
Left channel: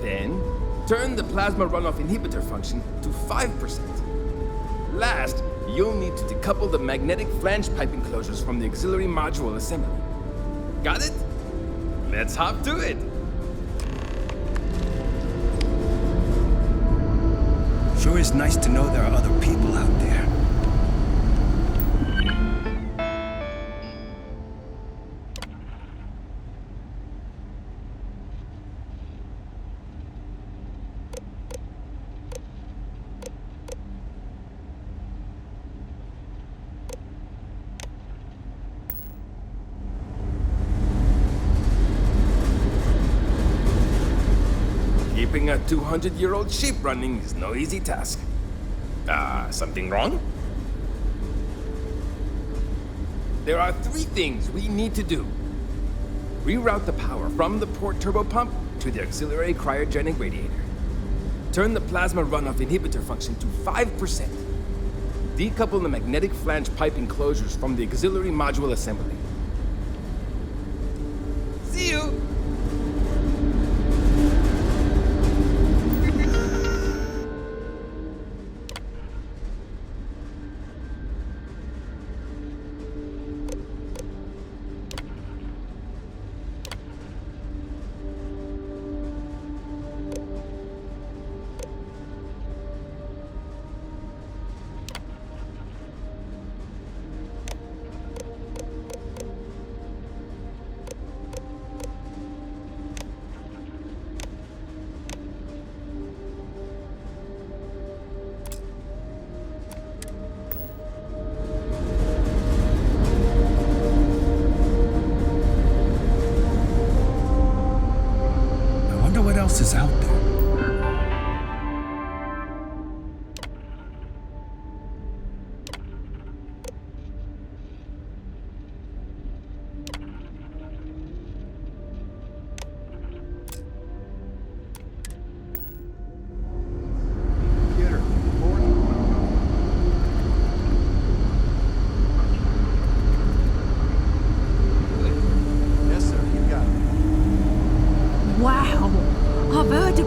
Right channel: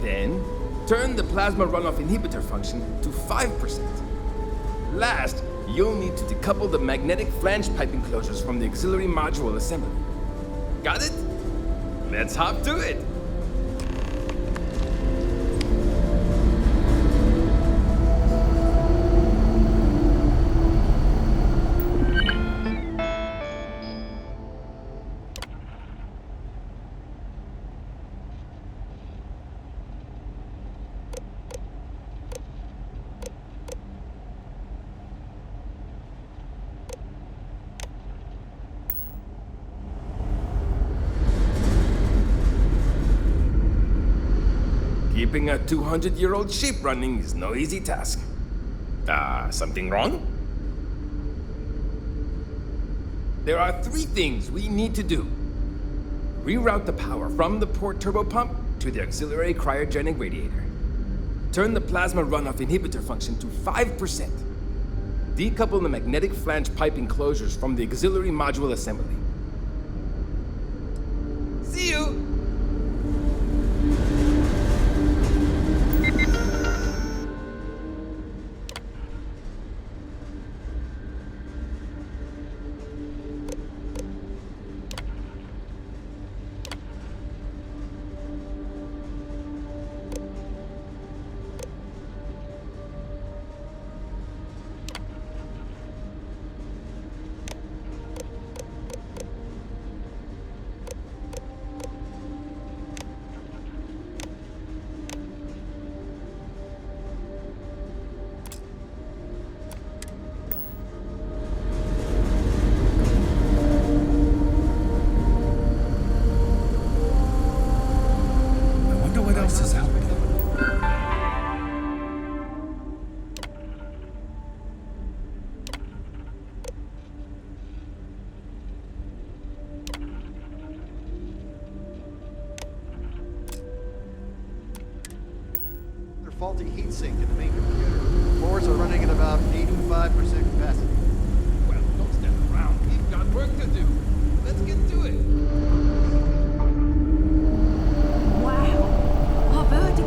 Then, turn the plasma runoff inhibitor function to 5%. Last, you'll need to decouple the magnetic flange pipe enclosures from the auxiliary module assembly. Got it? Let's hop to it! Sure is nice to know there are other people out there. Keeping a 200-year-old ship running is no easy task. Something wrong? There are 3 things we need to do. Reroute the power from the port turbo pump to the auxiliary cryogenic radiator. Turn the plasma runoff inhibitor function to 5%. Decouple the magnetic flange pipe enclosures from the auxiliary module assembly. See you! What else is out there? They're faulty heatsink in the main computer. Floors are running at about 85% capacity. We've got work to do. Let's get to it. Yes, sir. You got it. Wow. I've heard of...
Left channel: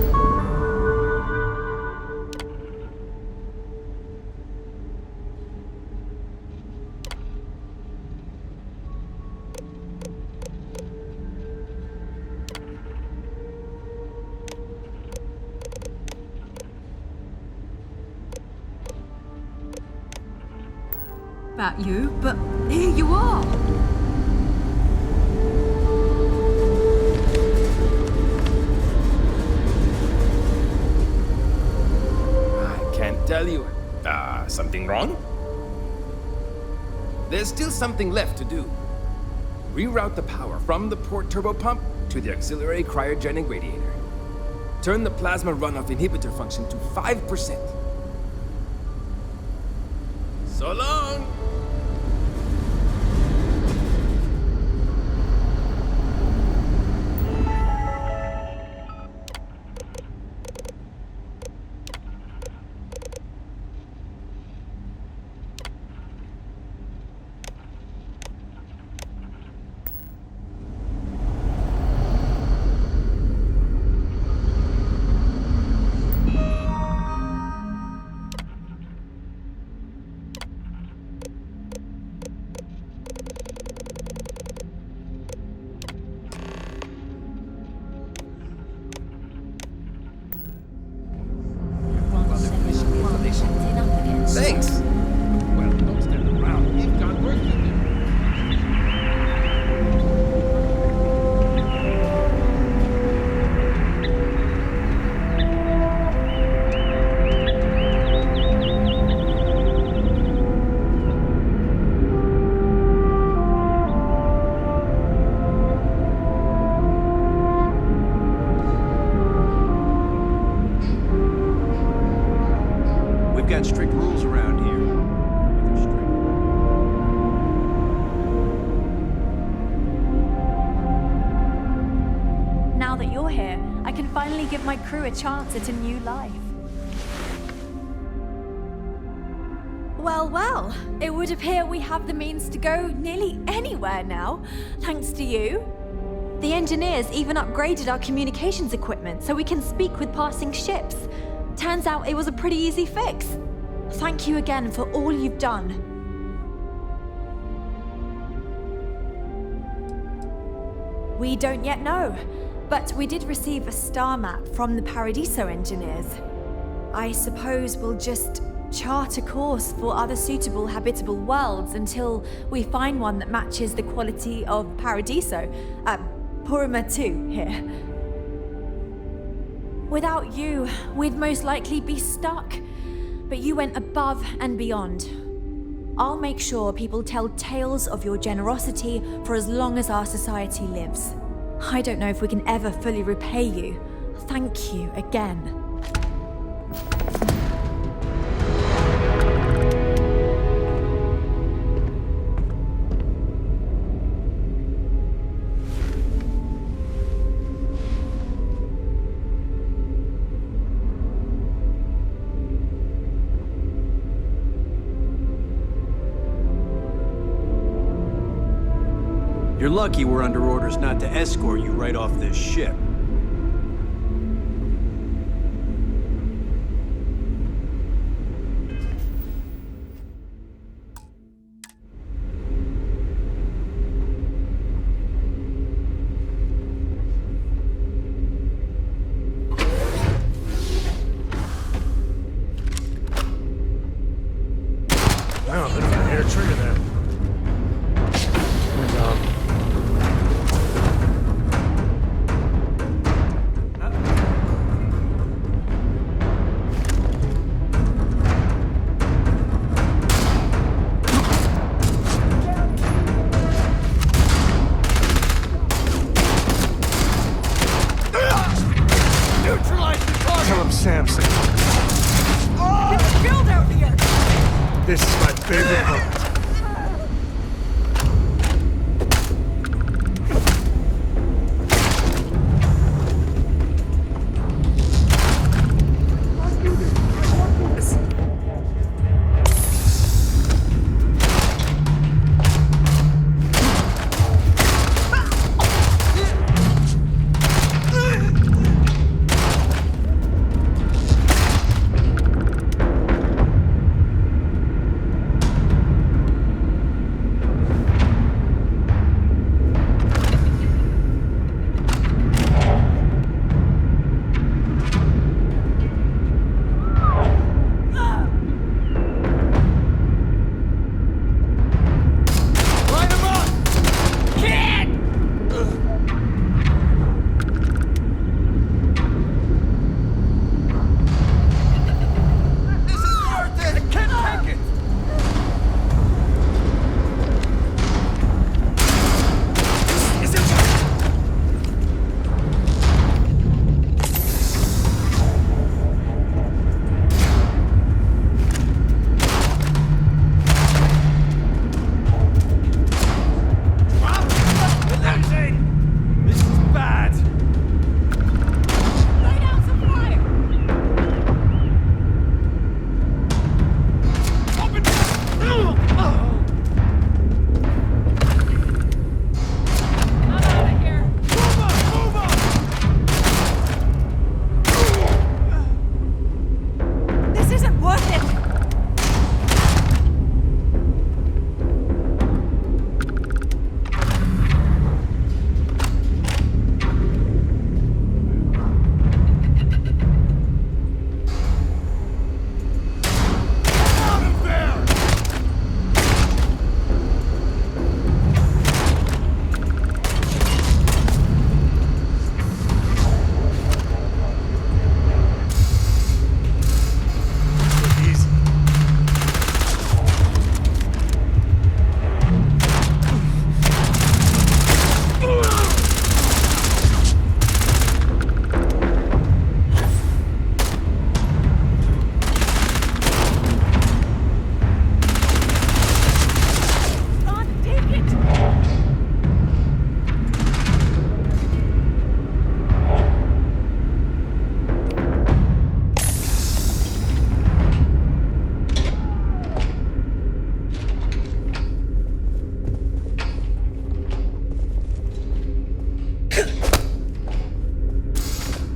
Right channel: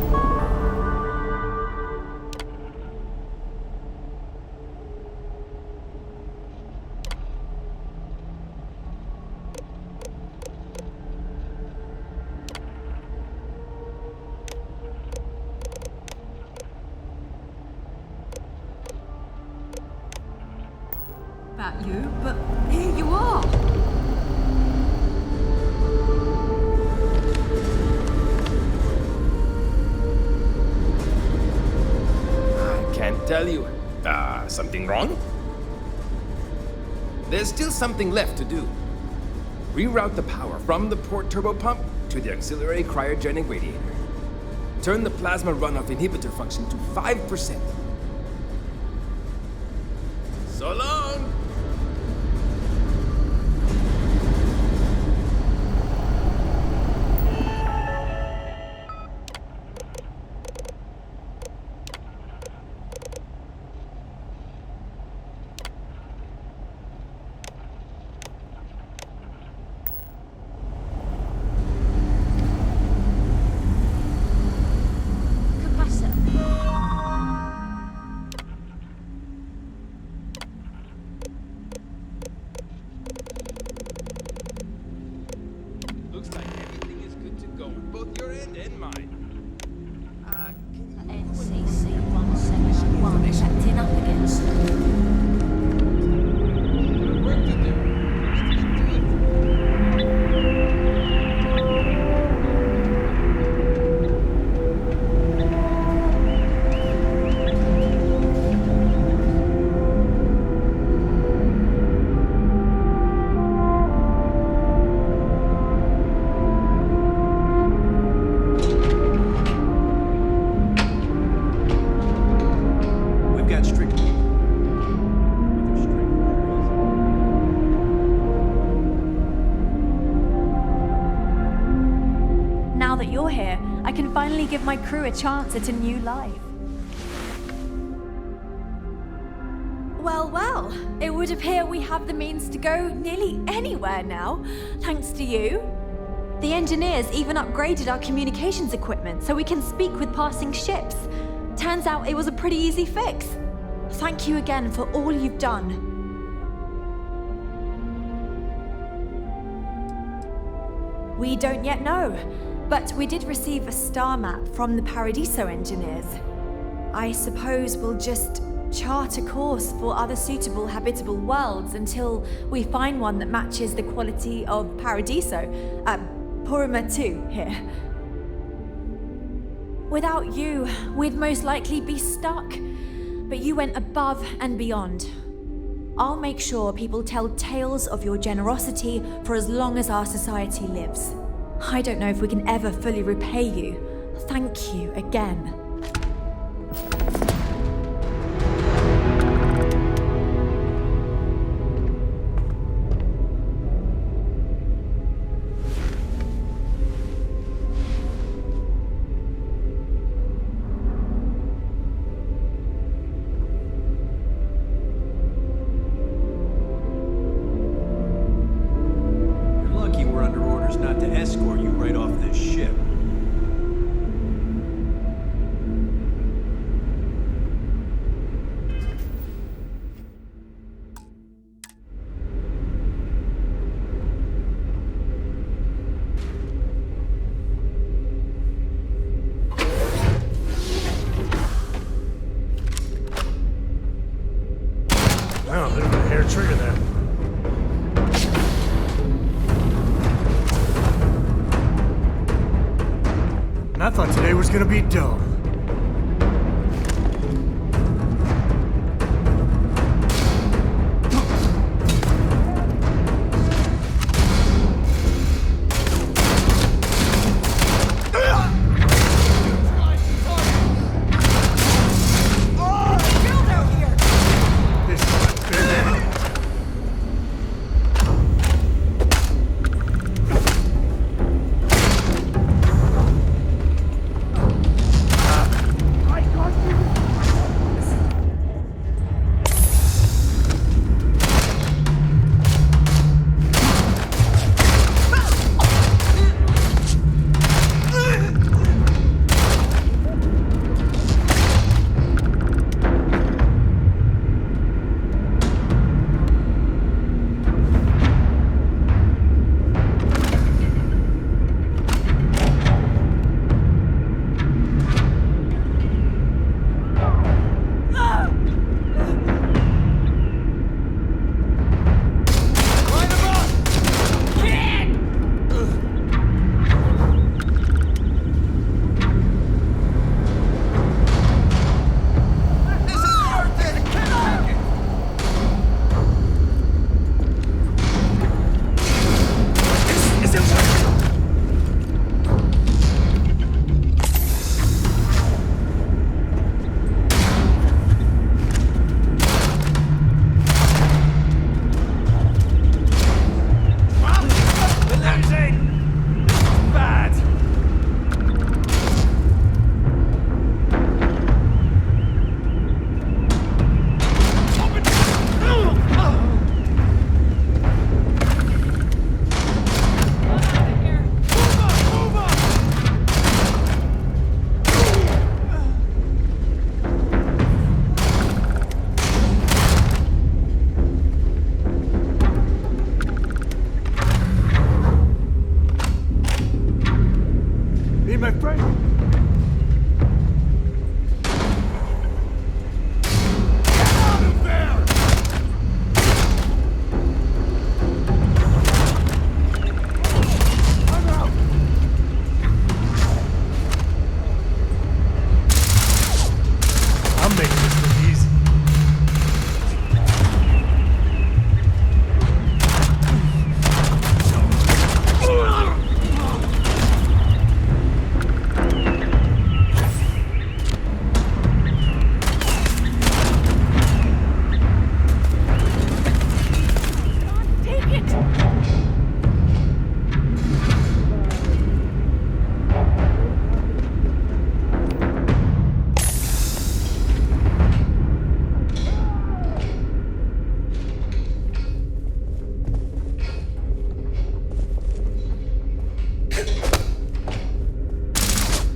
about you, but here you are. Can't tell you. Something wrong? There's still something left to do. Reroute the power from the port turbo pump to the auxiliary cryogenic radiator. Turn the plasma runoff inhibitor function to 5%. So long! Thanks. Well, don't stand around. We've got work to do. We've got strict rules around here. But they're strict rules. Now that you're here, I can finally give my crew a chance at a new life. Well, well, it would appear we have the means to go nearly anywhere now, thanks to you. The engineers even upgraded our communications equipment so we can speak with passing ships. Turns out it was a pretty easy fix. Thank you again for all you've done. We don't yet know, but we did receive a star map from the Paradiso engineers. I suppose we'll just chart a course for other suitable habitable worlds until we find one that matches the quality of Paradiso, Purima 2 here. Without you, we'd most likely be stuck, but you went above and beyond. I'll make sure people tell tales of your generosity for as long as our society lives. I don't know if we can ever fully repay you. Thank you again. You're lucky we're under orders not to escort you right off this ship. Wow, a bit of a hair trigger there. I thought today was gonna be dull. Neutralize the target, Samson. Oh! It's killed out here. This is my favorite moment.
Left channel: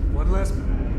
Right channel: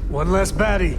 One less baddie.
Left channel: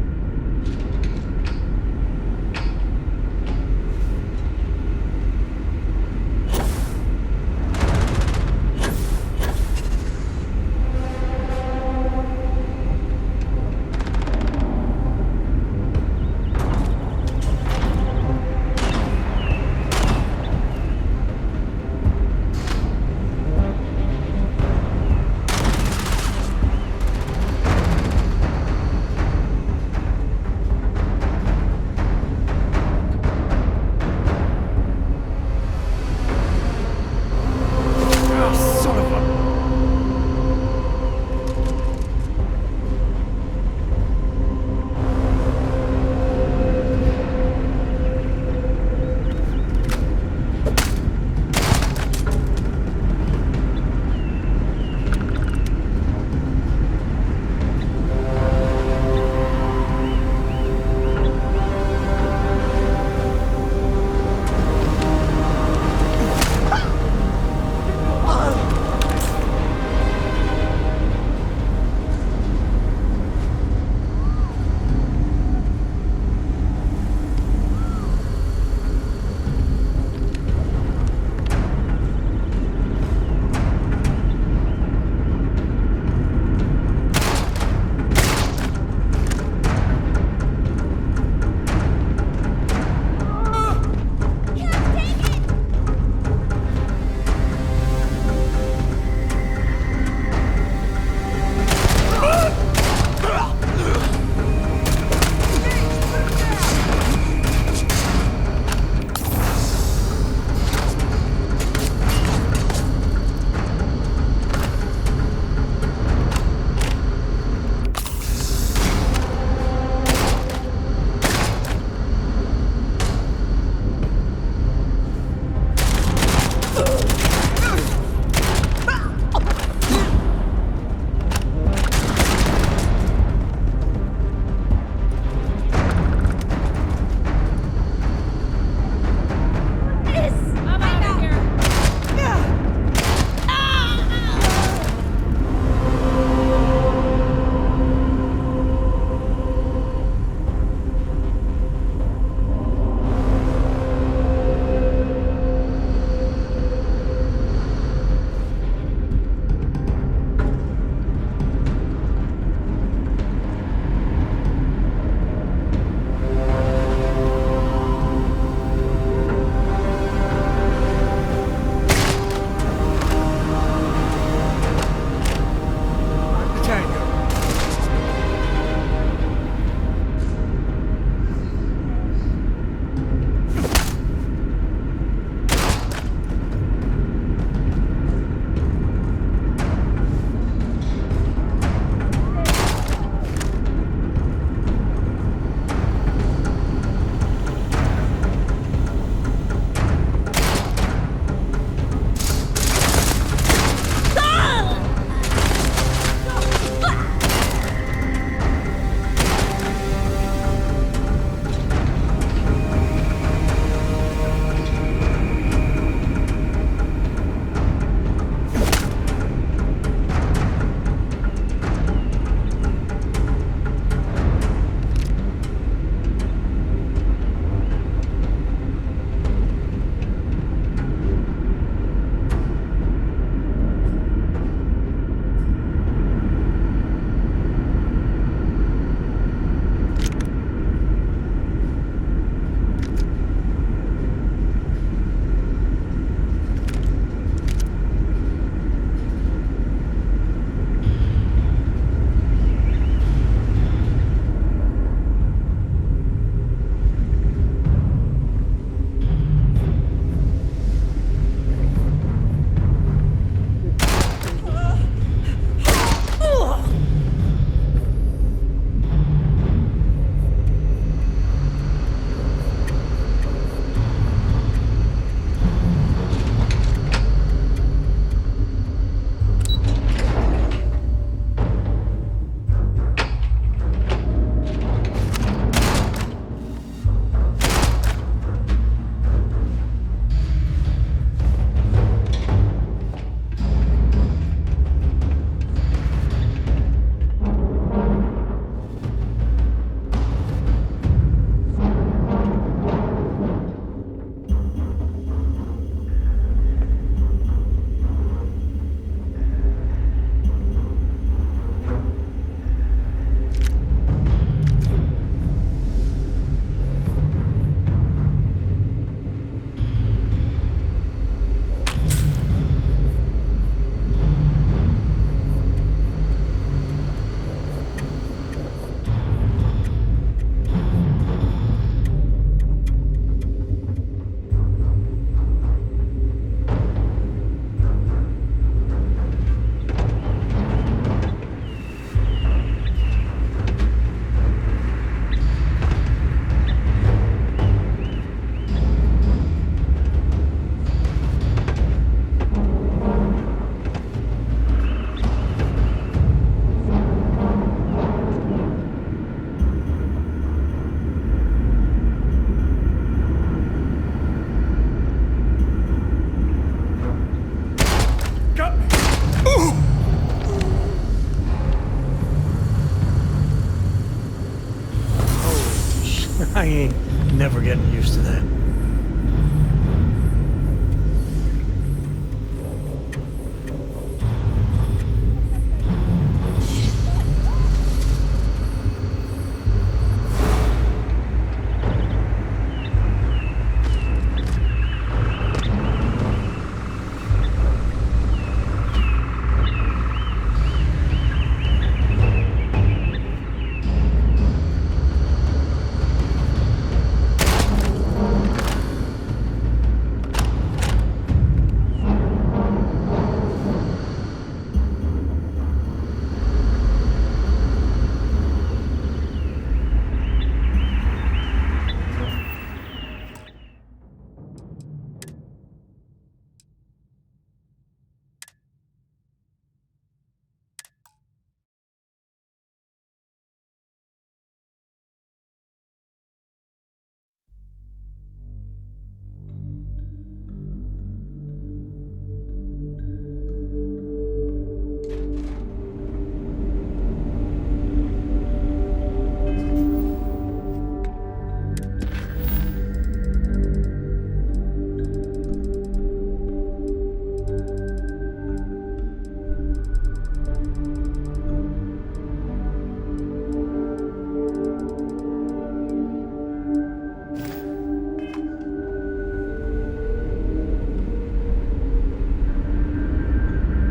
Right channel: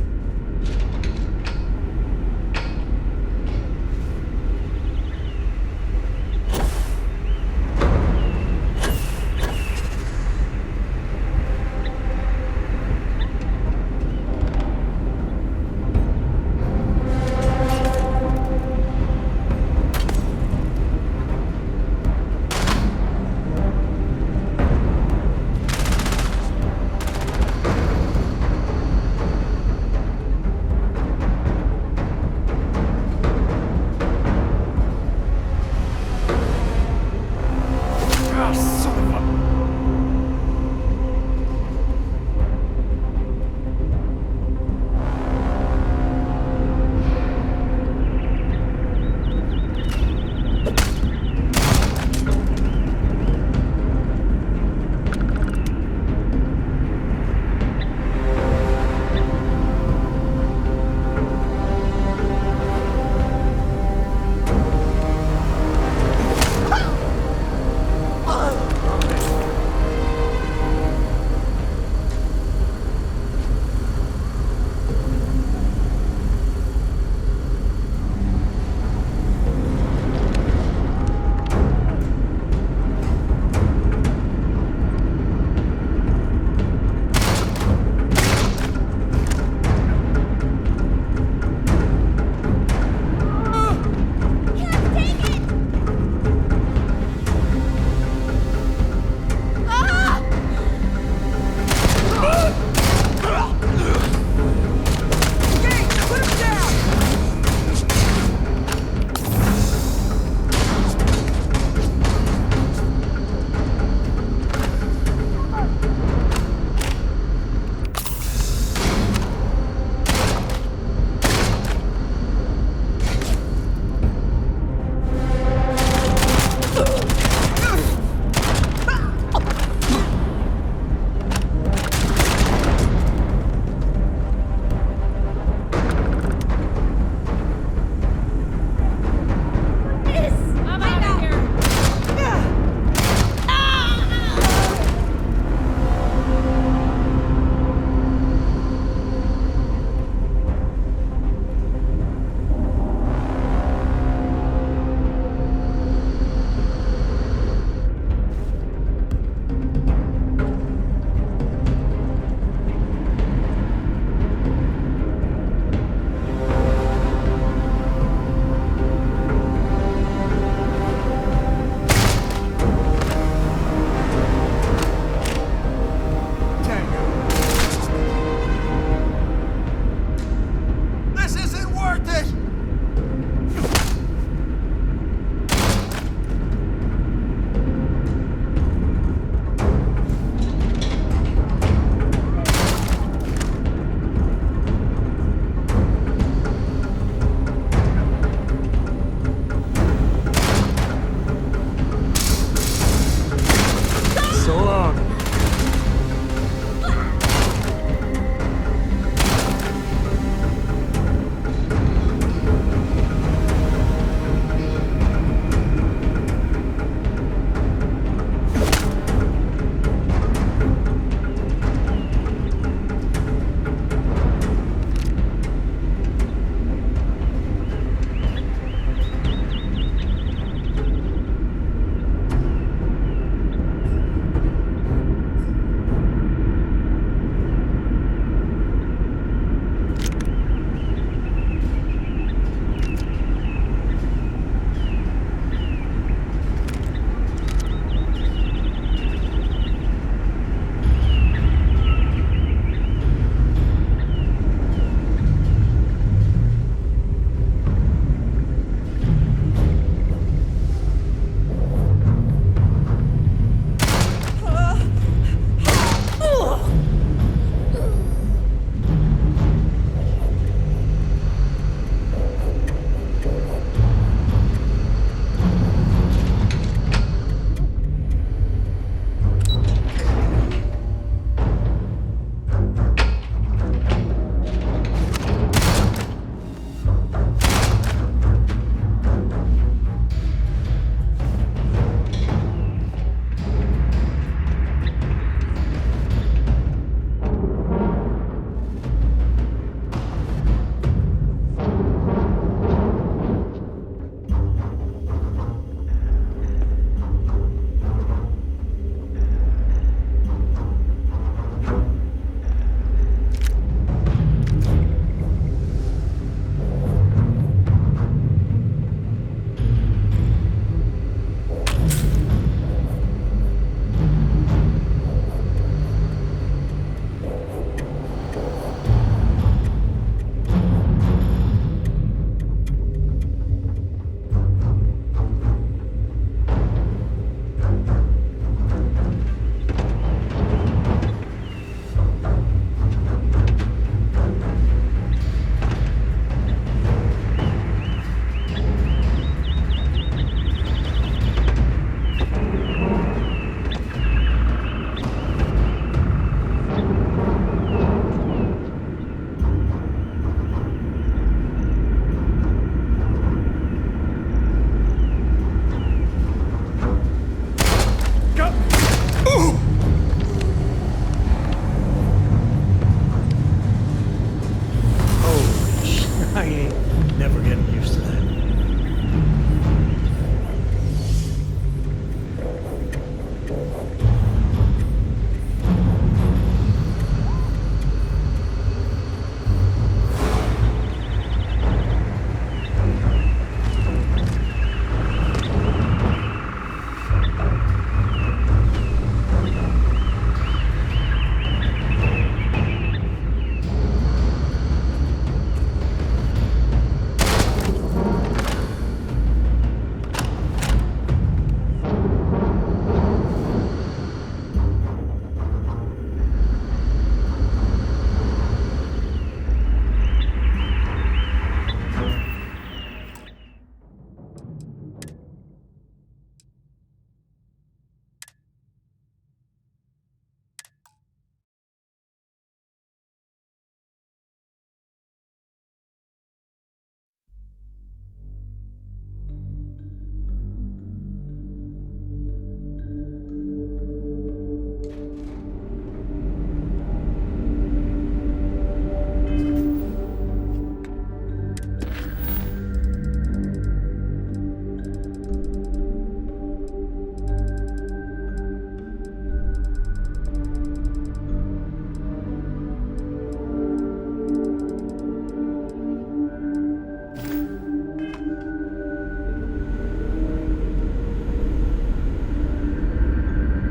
I ain't never getting used to that.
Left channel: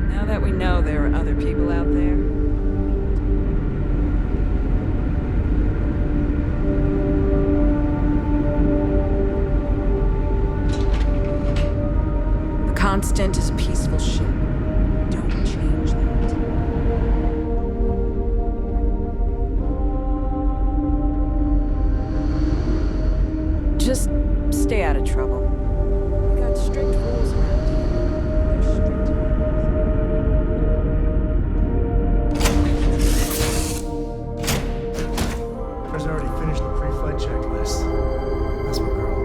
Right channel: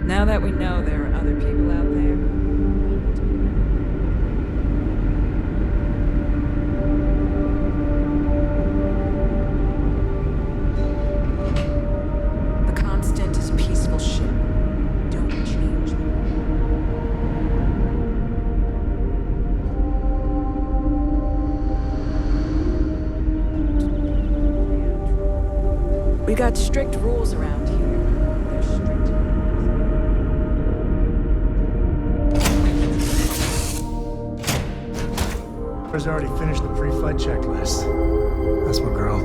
Now that we know there are other people out there, the Constant is a peaceful ship. Don't change that. Just stay out of trouble. We got strict rules around here. They're strict. Has already finished the pre-flight checklist. That's my girl.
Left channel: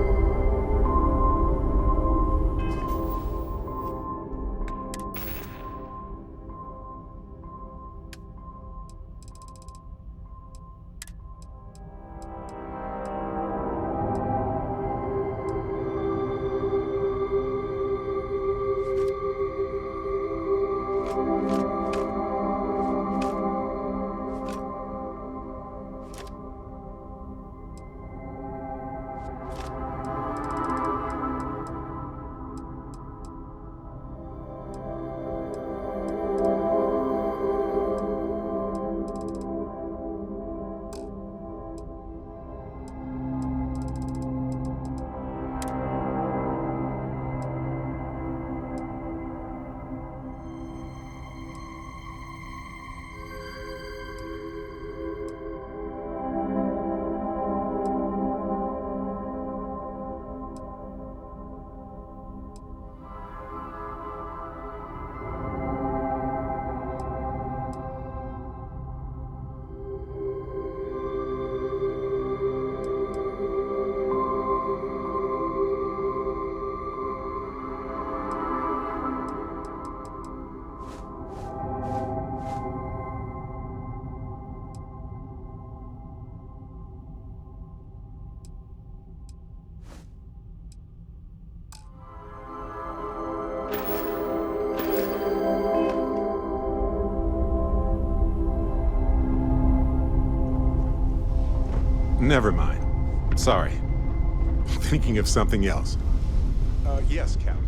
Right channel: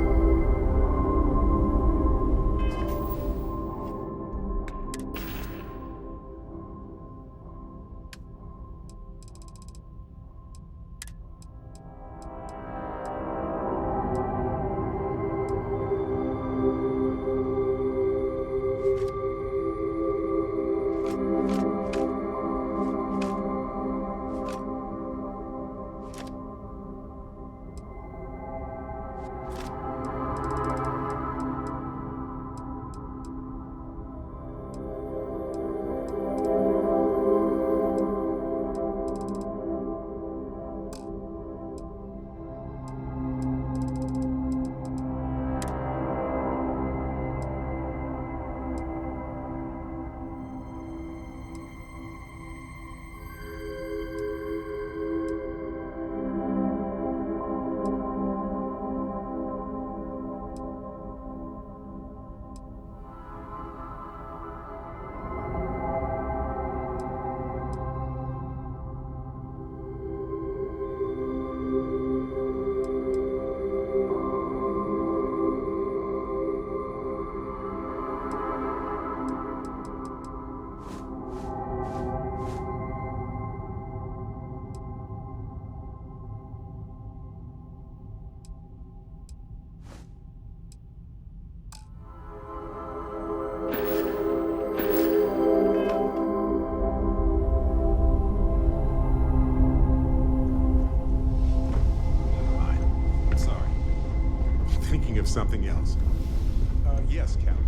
Never mind. Sorry. Thinking of something else. Yes, Captain.